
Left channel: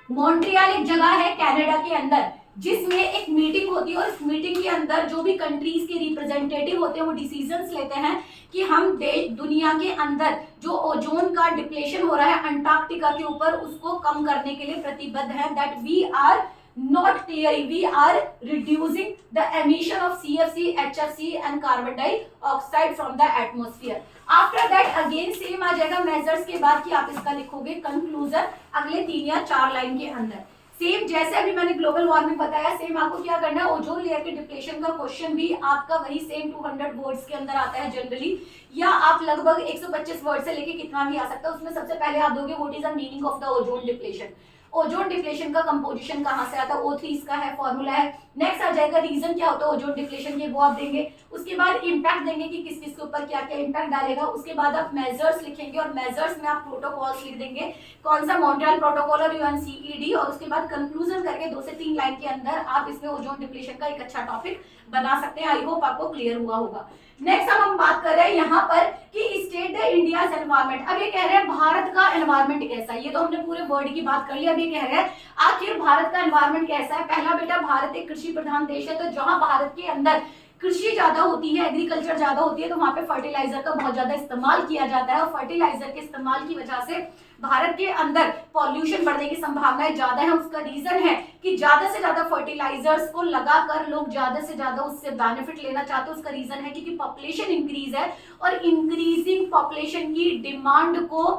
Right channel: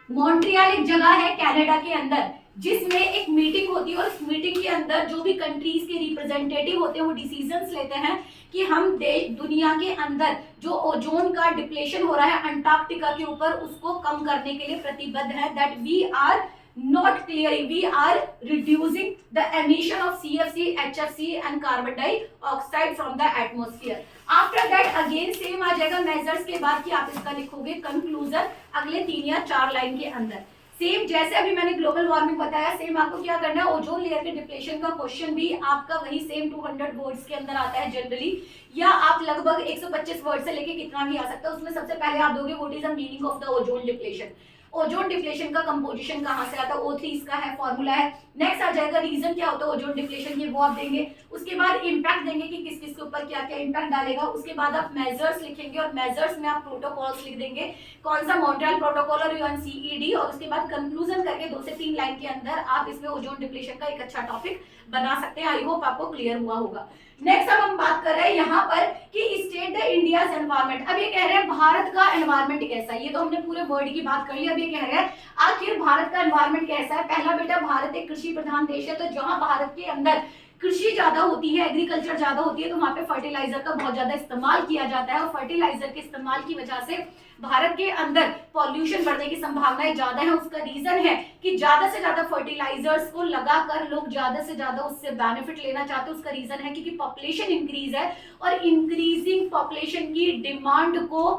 मॉन्ट्रियल एक जगह है कनाडा के अंदर जिसमें एक मीटिंग होती है और इस मीटिंग के अंदर जो भी कंट्रीज के रिप्रेजेंटेटिव होते हैं वो डिसीजंस लेते हैं कि हम देश दुनिया के अंदर जो ओजोन का डिप्लेशन हो रहा है अंटार्कटिका के ऊपर उसको कम करने के लिए प्रतिबद्ध है। That we are not clearing, we are reducing the emission of CFC, HFC and carbon dioxide from the atmosphere. After that again same आ जाएगा मेजर्स के बाद कि आप इसका लिखोगे कंक्लूजन अगले 3 या 4 लाइन के अंदर। सेम जैसे अभी मैंने ग्लोबल वार्मिंग बताया, सेम आपको क्या करना है, ओजोन लेयर के डिप्लेशन का क्वेश्चन भी आपका वही सेम 200 वर्ड्स के अंदर आता है जनरली, या आप लगभग 125 वर्ड से लेके कितना भी आ सकता है। उसमें सबसे पहले आप दोगे what is the meaning of the ozone depletion, ozone depletion का कंपोजिशन कहां से आता है, O3 इसका है फॉर्मूला है। नेक्स्ट आ जाएगा रीजन क्या होता है ओजोन डिप्लेशन के, वो आप देंगे। उसके बाद इंपैक्ट देंगे कि किस किस के ऊपर क्या क्या इंपैक्ट डालेगा। उसके बाद आप मेजर्स लिखेंगे और मेजर्स में आप प्रोटोकॉल्स लिख देंगे, कौन सा मॉन्ट्रियल प्रोटोकॉल और यूएनसीईडी। और उसके बाद कंक्लूजन करके 2 से 3 लाइन के अंदर आप इसमें ओजोन डिप्लेशन का एक अच्छा टॉपिक बना सकते हैं। आई होप आपको क्लियर हुआ होगा। नेक्स्ट अब हम बात कर रहे हैं यहाँ पर कि स्टेट द इंडियाज एनवायरमेंट। अब ये कह रहे हैं भारत का एनवायरमेंट कैसा है, ये तो हमने पूरे वर्ल्ड की बात कर ली। अब ये कह रहे हैं आखिर भारत का एनवायरमेंट कैसा है। पहला बेटा, भारत एक कृषि प्रधान देश है, तो जहां भारत के अंदर कृषि ज्यादा होती है, एग्रीकल्चर ज्यादा होती है, तो वहां पे फर्टिलाइजर का बहुत ज्यादा इस्तेमाल किया जाता है और फर्टिलाइजर के इस्तेमाल की वजह से भारत के अंदर पॉल्यूशन बढ़ने की संभावनाएं ज्यादा है। उसका रीजन है कि ज्यादा से ज्यादा फर्टिलाइजर्स को लगाकर लोग ज्यादा से ज्यादा उससे बेनिफिट लेना चाहते हैं। उसका रीजन है क्योंकि पॉपुलेशन इंक्रीज है और इंक्रीजिंग पॉपुलेशन की डिमांड को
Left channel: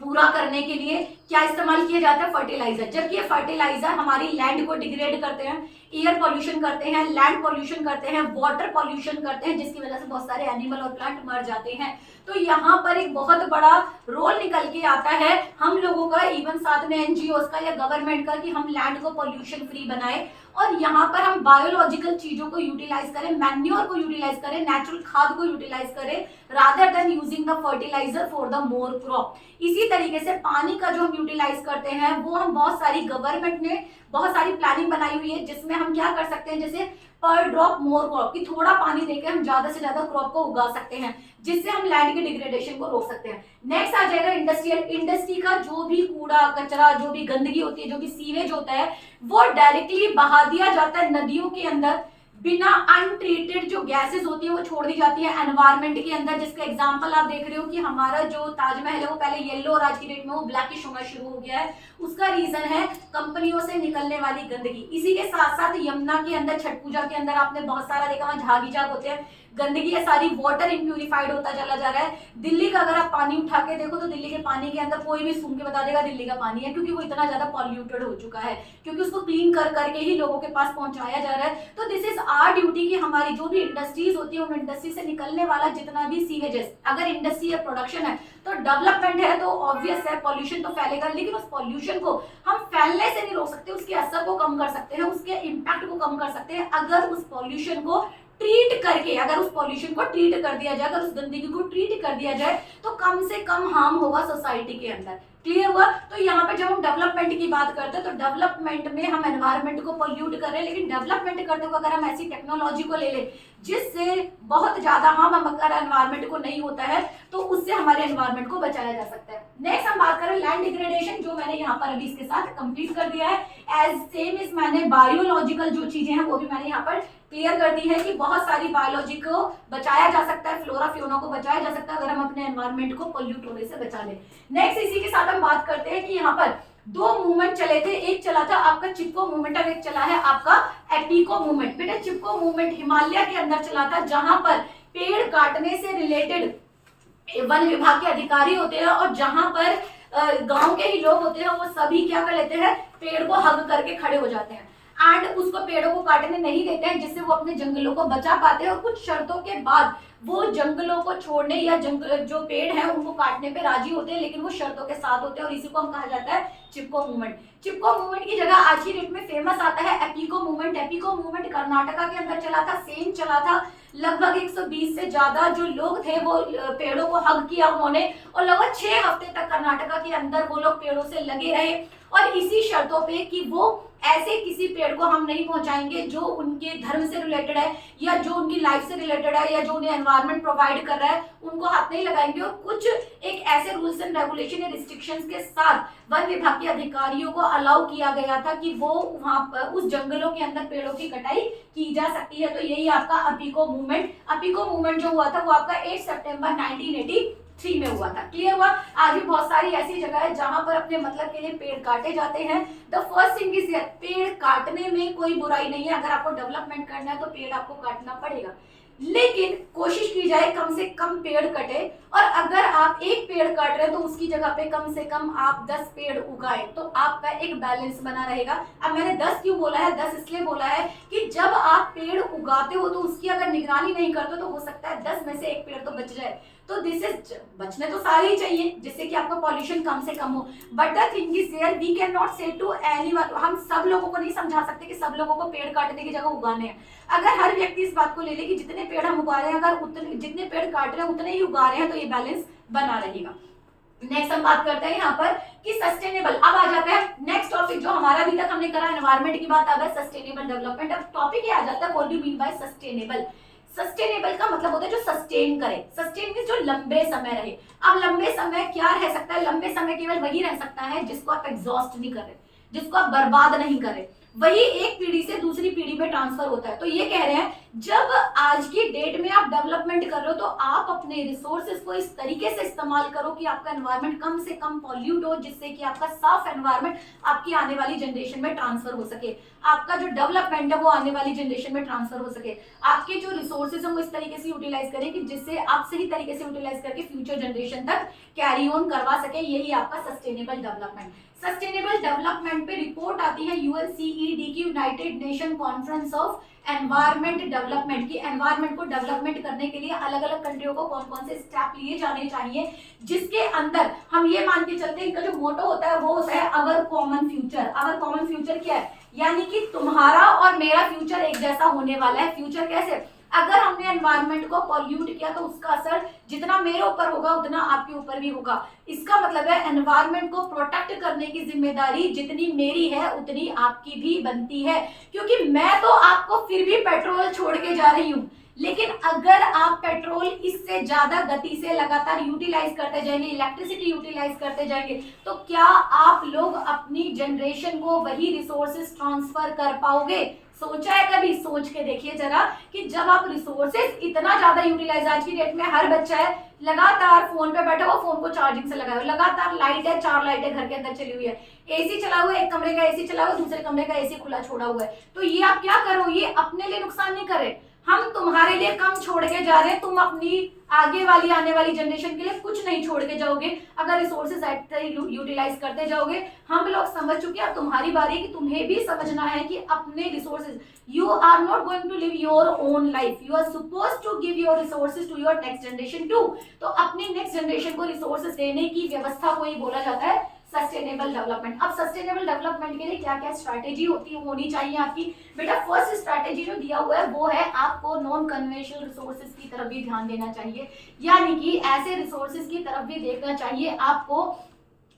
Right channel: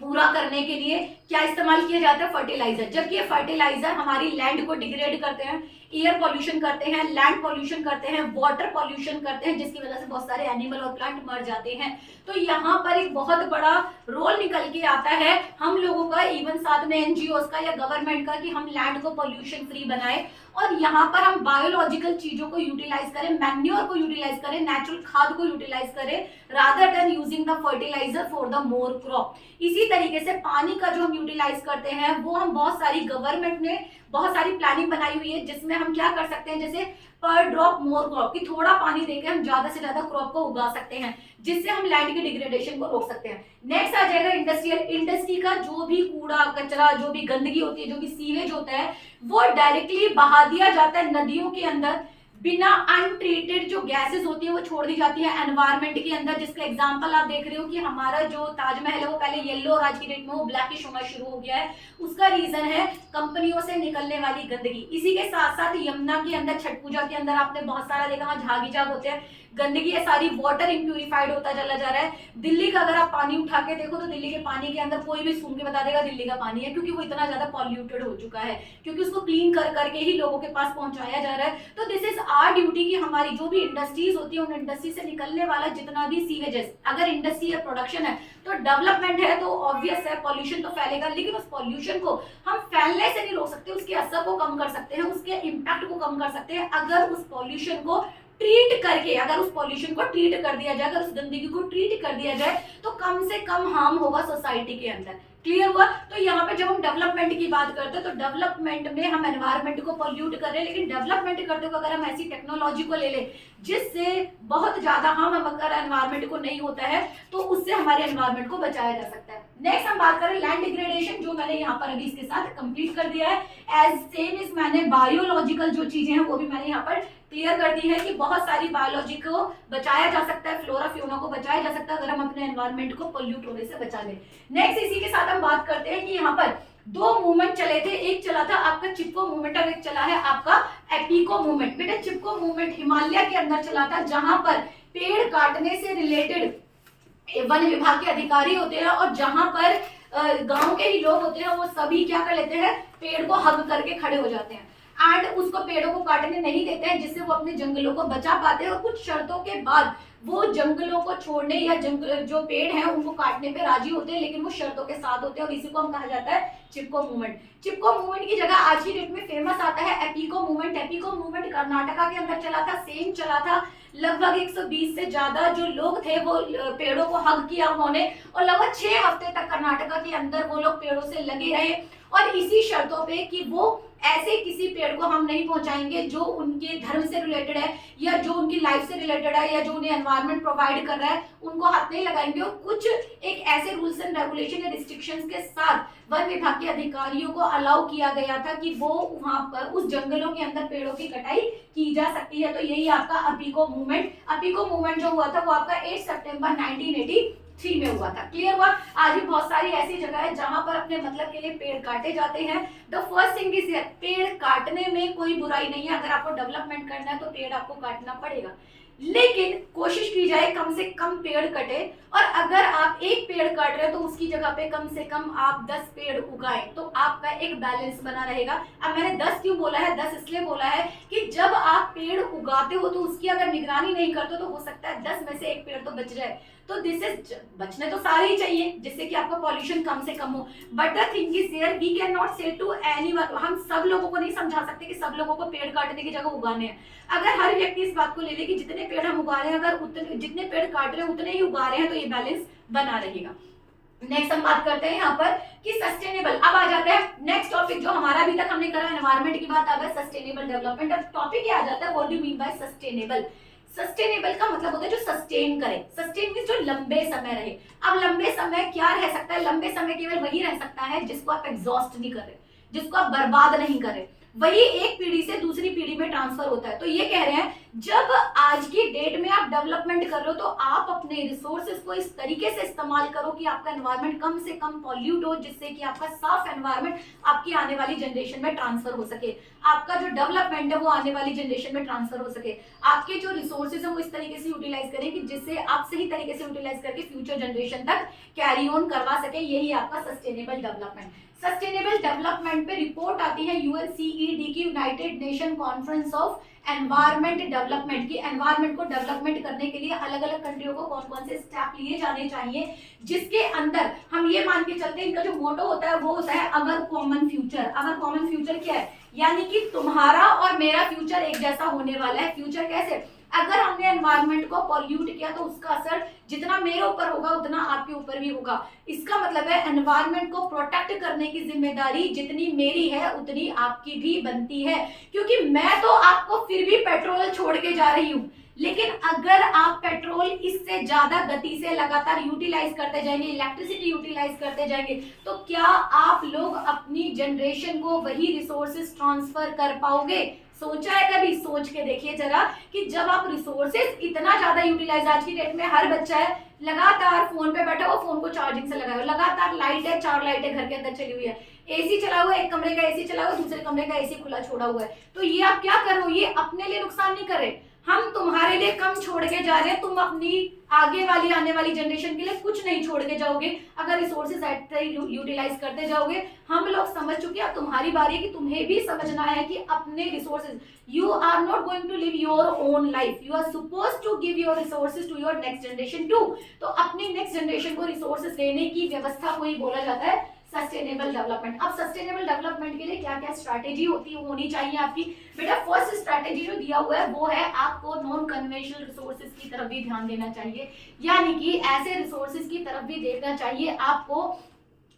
पूरा करने के लिए क्या इस्तेमाल किया जाता है, फर्टिलाइजर। जबकि ये फर्टिलाइजर हमारी लैंड को डिग्रेड करते हैं, एयर पॉल्यूशन करते हैं, लैंड पॉल्यूशन करते हैं, वाटर पॉल्यूशन करते हैं, जिसकी वजह से बहुत सारे एनिमल और प्लांट मर जाते हैं। तो यहाँ पर एक बहुत बड़ा रोल निकल के आता है हम लोगों का, इवन साथ में एनजीओस का या गवर्नमेंट का, कि हम लैंड को पॉल्यूशन फ्री बनाए और यहाँ पर हम बायोलॉजिकल चीजों को यूटिलाइज करें, मैन्योर को यूटिलाइज करें, नेचुरल खाद को यूटिलाइज करें rather than using the fertiliser for the more crop. इसी तरीके से पानी का जो हम यूटिलाइज करते हैं वो हम बहुत सारी गवर्नमेंट ने बहुत सारी प्लानिंग बनाई हुई है जिसमें हम क्या कर सकते हैं, जैसे पर ड्रॉप मोर क्रॉप, कि थोड़ा पानी देके हम ज्यादा से ज्यादा क्रॉप को उगा सकते हैं, जिससे हम लैंड के डिग्रेडेशन को रोक सकते हैं। नेक्स्ट आ जाएगा इंडस्ट्रियल। इंडस्ट्री का जो भी कूड़ा कचरा, जो भी गंदगी होती है, जो भी सीवेज होता है, वो डायरेक्टली बहा दिया जाता है नदियों के अंदर। बिना अनट्रीटेड जो गैसेस होती है वो छोड़ दी जाती है एनवायरमेंट के अंदर। जिसका एग्जांपल आप देख रहे हो कि हमारा जो ताजमहल है वो पहले येलो और आज की डेट में वो ब्लैकिश होना शुरू हो गया है। उसका रीजन है कंपनियों से निकलने वाली गंदगी। इसी के साथ साथ यमुना के अंदर छठ पूजा के अंदर आपने बहुत सारा देखा, वहां झागी जाग होते हैं, गंदगी है सारी, वाटर इम्प्यूरिफाइड होता चला जा रहा है। दिल्ली का अगर आप पानी उठा के देखो तो दिल्ली के पानी के अंदर कोई भी सूंघ के बता देगा दिल्ली का पानी है, क्योंकि वो इतना ज्यादा पॉल्यूटेड हो चुका है, क्योंकि उसको क्लीन कर करके ही लोगों के पास पहुंचाया जा रहा है। तो दिस इज आवर ड्यूटी कि हमारी जो भी इंडस्ट्रीज होती है उन इंडस्ट्री से निकलने वाला जितना भी सीवेजेस, अगर इंडस्ट्री या प्रोडक्शन है तो डेवलपमेंट है तो ऑब्वियस है पॉल्यूशन तो फैलेगा, लेकिन उस पॉल्यूशन को हम फैलने से नहीं रोक सकते, उसके असर को कम कर सकते हैं, उसके इम्पैक्ट को कम कर सकते हैं अगर उस पॉल्यूशन को ट्रीट करके, अगर उस पॉल्यूशन को ट्रीट कर दिया जाए, अगर उस गंदगी को ट्रीट कर दिया जाए तो कम से कम हार्म होगा सोसाइटी के अंदर। क्लियर हुआ? तो यहाँ पे जब हम डेवलपमेंट की बात करते हैं तो डेवलपमेंट में हम एनवायरनमेंट को पोल्यूट कर रहे हैं, लेकिन डेवलपमेंट करते हुए अगर हम ऐसी टेक्नोलॉजी को ले लें जिससे बहुत ज्यादा हार्म अगर एनवायरनमेंट को नहीं होता है तो उससे हमारे एनवायरनमेंट को बचाया जा सकता है। नेक्स्ट हम बात करें लैंड डिग्रेडेशन, जो मैंने यहाँ पर अभी इसके साथ कंप्लीट कर दिया है। एज सेम इज मैंने बायोलॉजिकल जो चीजें हैं वो भी मैंने यहाँ पर क्लियर कर दी है कि बहुत सारी बायोलॉजी को बचाया जा सकता है, फ्लोरा फ्योना को बचाया जा सकता है अगर हम अपने एनवायरनमेंट को पोल्यूट होने से बचा लें। नेक्स्ट इसी के साथ हम बात करते हैं कि यहाँ पर दो मूवमेंट चले थे, एक चला था आपका चिपको मूवमेंट और एक चला है आपका एपिको मूवमेंट। बेटा चिपको मूवमेंट हिमालय के अंदर चला था, जहां पर पेड़ काटने से रिलेटेड वन विभाग के अधिकारी होते हैं और जहां पर गांव के ही लोग होते हैं, वो सभी क्या कर लेते हैं, पेड़ को हग करके खड़े हो जाते हैं एंड उसको पेड़ों को काटने नहीं देते हैं, जिससे वो अपने जंगलों को बचा पाते हैं और कुछ शर्तों के बाद वो जंगलों को छोड़ने या जंगल जो पेड़ है उनको काटने पे राजी होते हैं, लेकिन वो शर्तों के साथ होते हैं और इसी को हम कहा जाता है चिपको मूवमेंट। चिपको मूवमेंट की जगह आज की डेट में फेमस आता है एपिको मूवमेंट। एपिको मूवमेंट कर्नाटका के अंदर चला था, सेम चला था, लगभग 120 से ज्यादा जो लोग थे वो पेड़ों को हग किया उन्होंने और लगभग 6 हफ्ते तक कर्नाटका के अंदर वो लोग पेड़ों से लगे रहे और इसी शर्तों पे कि वो ऐसे किसी पेड़ को हम नहीं पहुंचाएंगे जो उनके धर्म से रिलेटेड है या जो उनकी लाइफ से रिलेटेड है या जो उन्हें एनवायरनमेंट प्रोवाइड कर रहा है, उनको हाथ नहीं लगाएंगे। और कुछ एक ऐसे रूल्स एंड रेगुलेशन या रिस्ट्रिक्शंस के साथ वन विभाग के अधिकारियों को अलाउ किया गया था कि वो वहां पर उस जंगलों के अंदर पेड़ों की कटाई की जा सकती है। तो यही आपका अपिको मूवमेंट जो हुआ था वो आपका 8 सितंबर 1983 में हुआ था। क्लियर हुआ? आज भी बहुत सारी ऐसी जगह है जहां पर अपने मतलब के लिए पेड़ काटे जाते हैं। द फर्स्ट थिंग इज पेड़ काटने में कोई बुराई नहीं है, अगर आपको डेवलपमेंट करना है तो पेड़ आपको काटना पड़ेगा, लेकिन कोशिश की जाए कम से कम पेड़ कटे और अगर आप एक पेड़ काट रहे हैं तो उसकी जगह पे कम से कम आप 10 पेड़ उगाएं तो आपका एक बैलेंस बना रहेगा। अब मैंने 10 क्यों बोला है? 10 इसलिए बोला है कि जब आप पेड़ उगाते हो तो उसकी अगर निगरानी नहीं करते तो हो सकता है 10 में से एक पेड़ तो बच जाए। तो दिस इज, बचने तो सारे ही चाहिए जिससे कि आपका पॉल्यूशन कम से कम हो, but the thing is there we can not say to anyone, हम सब लोगों को नहीं समझा सकते कि सब लोगों को पेड़ काटने की जगह उगाने हैं। अगर हर व्यक्ति इस बात को ले ले कि जितने पेड़ हम उगा रहे हैं, अगर उतने जितने पेड़ काट रहे हैं उतने ही उगा रहे हैं, तो ये बैलेंस बना रहेगा। नेक्स्ट हम बात करते हैं यहाँ पर कि सस्टेनेबल। अब आ जाता है नेक्स्ट टॉपिक जो हमारा अभी तक हमने करा, एनवायरनमेंट की बात, आ गया सस्टेनेबल डेवलपमेंट। अब टॉपिक ये आ जाता है what do you mean by sustainable. Sustainable का मतलब होता है जो सस्टेन करे, सस्टेन मींस जो लंबे समय रहे। अब लंबे समय क्या रह सकता है? लंबे समय केवल वही रह सकता है जिसको आप एग्जॉस्ट नहीं कर रहे, जिसको आप बर्बाद नहीं कर रहे, वही एक पीढ़ी से दूसरी पीढ़ी में ट्रांसफर होता है। तो ये कह रहे हैं जब आज की डेट में आप डेवलपमेंट कर रहे हो तो आप अपने रिसोर्सेज को इस तरीके से इस्तेमाल करो कि आपका एनवायरनमेंट कम से कम पॉल्यूट हो, जिससे कि आपका साफ एनवायरनमेंट आपकी आने वाली जनरेशन में ट्रांसफर हो सके, आपका जो डेवलपमेंट है वो आने वाली जनरेशन में ट्रांसफर हो सके, आपके जो रिसोर्सेज है वो इस तरीके से यूटिलाइज करें कि जिससे आप सही तरीके से यूटिलाइज करके फ्यूचर जनरेशन तक कैरी ऑन करवा सके। यही आपका सस्टेनेबल डेवलपमेंट। सस्टेनेबल डेवलपमेंट पे रिपोर्ट आती है यूएनसीईडी की, United Nation conference of environment development की। एनवायरनमेंट को डेवलपमेंट करने के लिए अलग अलग कंट्रियों को कौन कौन से स्टेप लिए जाने चाहिए, जिसके अंदर हम ये मान के चलते हैं इनका जो मोटो होता है वो होता है अवर कॉमन फ्यूचर। अवर कॉमन फ्यूचर क्या है? यानी कि तुम्हारा और मेरा फ्यूचर एक जैसा होने वाला है। फ्यूचर कैसे? अगर हमने एनवायरनमेंट को पॉल्यूट किया तो उसका असर जितना मेरे ऊपर होगा उतना आपके ऊपर भी होगा। इसका मतलब है एनवायरनमेंट को प्रोटेक्ट करने की जिम्मेदारी जितनी मेरी है उतनी आपकी भी बनती है, क्योंकि मैं तो आपको फिर भी पेट्रोल छोड़ के जा रही हूँ, लेकिन अगर आप पेट्रोल इससे ज्यादा गति से लगातार यूटिलाइज करते जाएंगे, इलेक्ट्रिसिटी यूटिलाइज करते जाएंगे, तो क्या आप लोग अपनी जनरेशन को वही रिसोर्सेज ट्रांसफर कर पाओगे? सोचा है कभी? सोच के देखिए जरा कि जब आप रिसोर्सेज इतना ज्यादा यूटिलाइज, आज की डेट में हर बच्चा है लगातार फोन पे बैठा हुआ, फोन को चार्जिंग से लगाए, लगातार लाइट है, 4 लाइटें घर के अंदर चली हुई है, एसी चला हुआ है, एक कमरे का एसी चला हुआ है, दूसरे कमरे का एसी खुला छोड़ा हुआ है, तो ये आप क्या करो? ये अपने लिए नुकसान नहीं कर रहे, हम तुम्हारे लिए कम छोड़ के जा रहे हैं, तुम अपनी आगे वाली आने वाली जनरेशन के लिए कुछ नहीं छोड़ के जाओगे अगर रिसोर्सेज यूटिलाइज करते जाओगे। हम लोग समझ चुके हैं, अब तुम्हारी बारी है कि तुम्हें भी समझना है कि अपने resources, you are not going to live your own life, you are suppose to give your resources to your next generation too. तो अपनी नेक्स्ट जनरेशन को रिसोर्सेज देने की व्यवस्था को ही बोला जाता है सस्टेनेबल डेवलपमेंट। अब सस्टेनेबल डेवलपमेंट के लिए क्या क्या स्ट्रैटेजी होनी चाहिए आपकी? बेटा फर्स्ट स्ट्रैटेजी जो दिया हुआ है वो है आपको नॉन कन्वेंशनल रिसोर्सेज की तरफ भी ध्यान देना चाहिए, यानी कि ऐसे रिसोर्सेज की तरफ भी देखना चाहिए आपको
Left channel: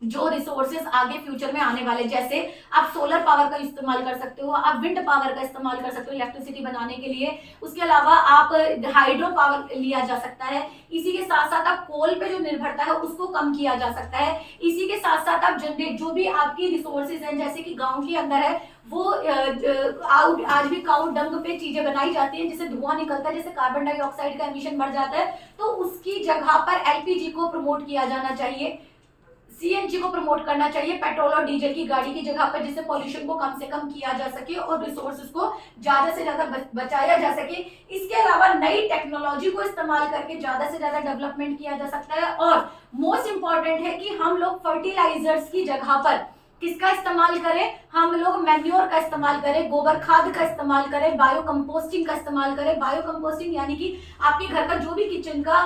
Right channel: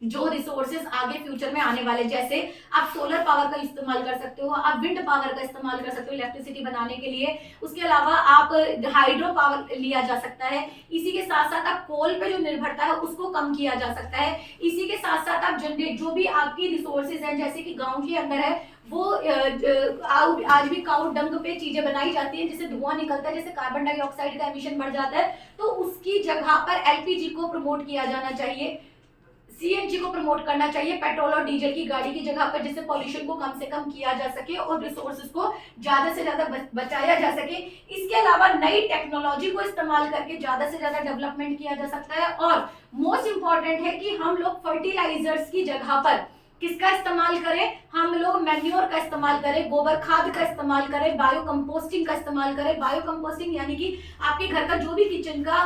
जो रिसोर्सेज आगे फ्यूचर में आने वाले, जैसे आप सोलर पावर का इस्तेमाल कर सकते हो, आप विंड पावर का इस्तेमाल कर सकते हो इलेक्ट्रिसिटी बनाने के लिए, उसके अलावा आप हाइड्रो पावर लिया जा सकता है। इसी के साथ साथ आप कोल पे जो निर्भरता है उसको कम किया जा सकता है। इसी के साथ साथ आप जनरेट जो भी आपकी रिसोर्सेज हैं, जैसे कि गांव के अंदर है वो आज भी काउ डंग पे चीजें बनाई जाती हैं जिससे धुआं निकलता है, जिससे कार्बन डाइऑक्साइड का एमिशन बढ़ जाता है, तो उसकी जगह पर एलपीजी को प्रमोट किया जाना चाहिए, सीएनजी को प्रमोट करना चाहिए पेट्रोल और डीजल की गाड़ी की जगह पर, जिससे पॉल्यूशन को कम से कम किया जा सके और रिसोर्सेज को ज्यादा से ज्यादा बचाया जा सके। इसके अलावा नई टेक्नोलॉजी को इस्तेमाल करके ज्यादा से ज्यादा डेवलपमेंट किया जा सकता है। और मोस्ट इंपॉर्टेंट है कि हम लोग फर्टिलाइजर्स की जगह पर किसका इस्तेमाल करें, हम लोग मैन्योर का इस्तेमाल करें, गोबर खाद का इस्तेमाल करें, बायो कंपोस्टिंग का इस्तेमाल करें। बायो कंपोस्टिंग यानी कि आपके घर का जो भी किचन का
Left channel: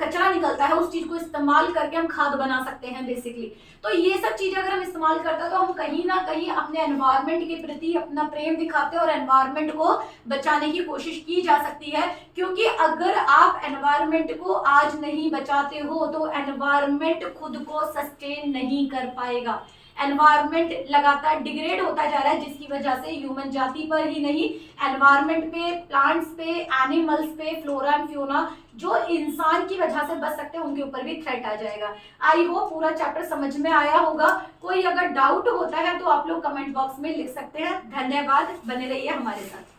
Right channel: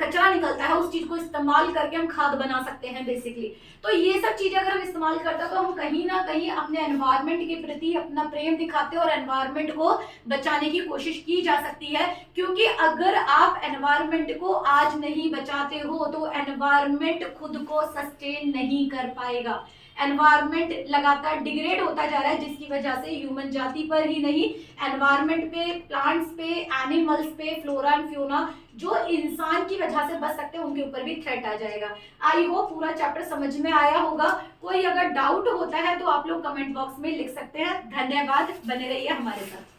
कचरा निकलता है उस चीज को इस्तेमाल करके हम खाद बना सकते हैं बेसिकली। तो ये सब चीजें अगर हम इस्तेमाल करते हैं तो हम कहीं ना कहीं अपने एनवायरनमेंट के प्रति अपना प्रेम दिखाते हैं और एनवायरनमेंट को बचाने की कोशिश की जा सकती है। क्योंकि अगर आप एनवायरनमेंट को आज नहीं बचाते हो तो एनवायरनमेंट खुद को सस्टेन नहीं कर पाएगा। एनवायरनमेंट लगातार डिग्रेड होता जा रहा है, जिसकी वजह से ह्यूमन जाति पर ही नहीं, एनवायरनमेंट पे, प्लांट्स पे, एनिमल्स पे, फ्लोरा एंड फ्योना जो इंसान की वजह से बच सकते हैं उनके ऊपर भी थ्रेट आ जाएगा। आई होप पूरा चैप्टर समझ में आया होगा। कोई अगर डाउट होता है तो आप लोग कमेंट बॉक्स में लिख सकते हैं। धन्यवाद, बने रहिए हमारे साथ।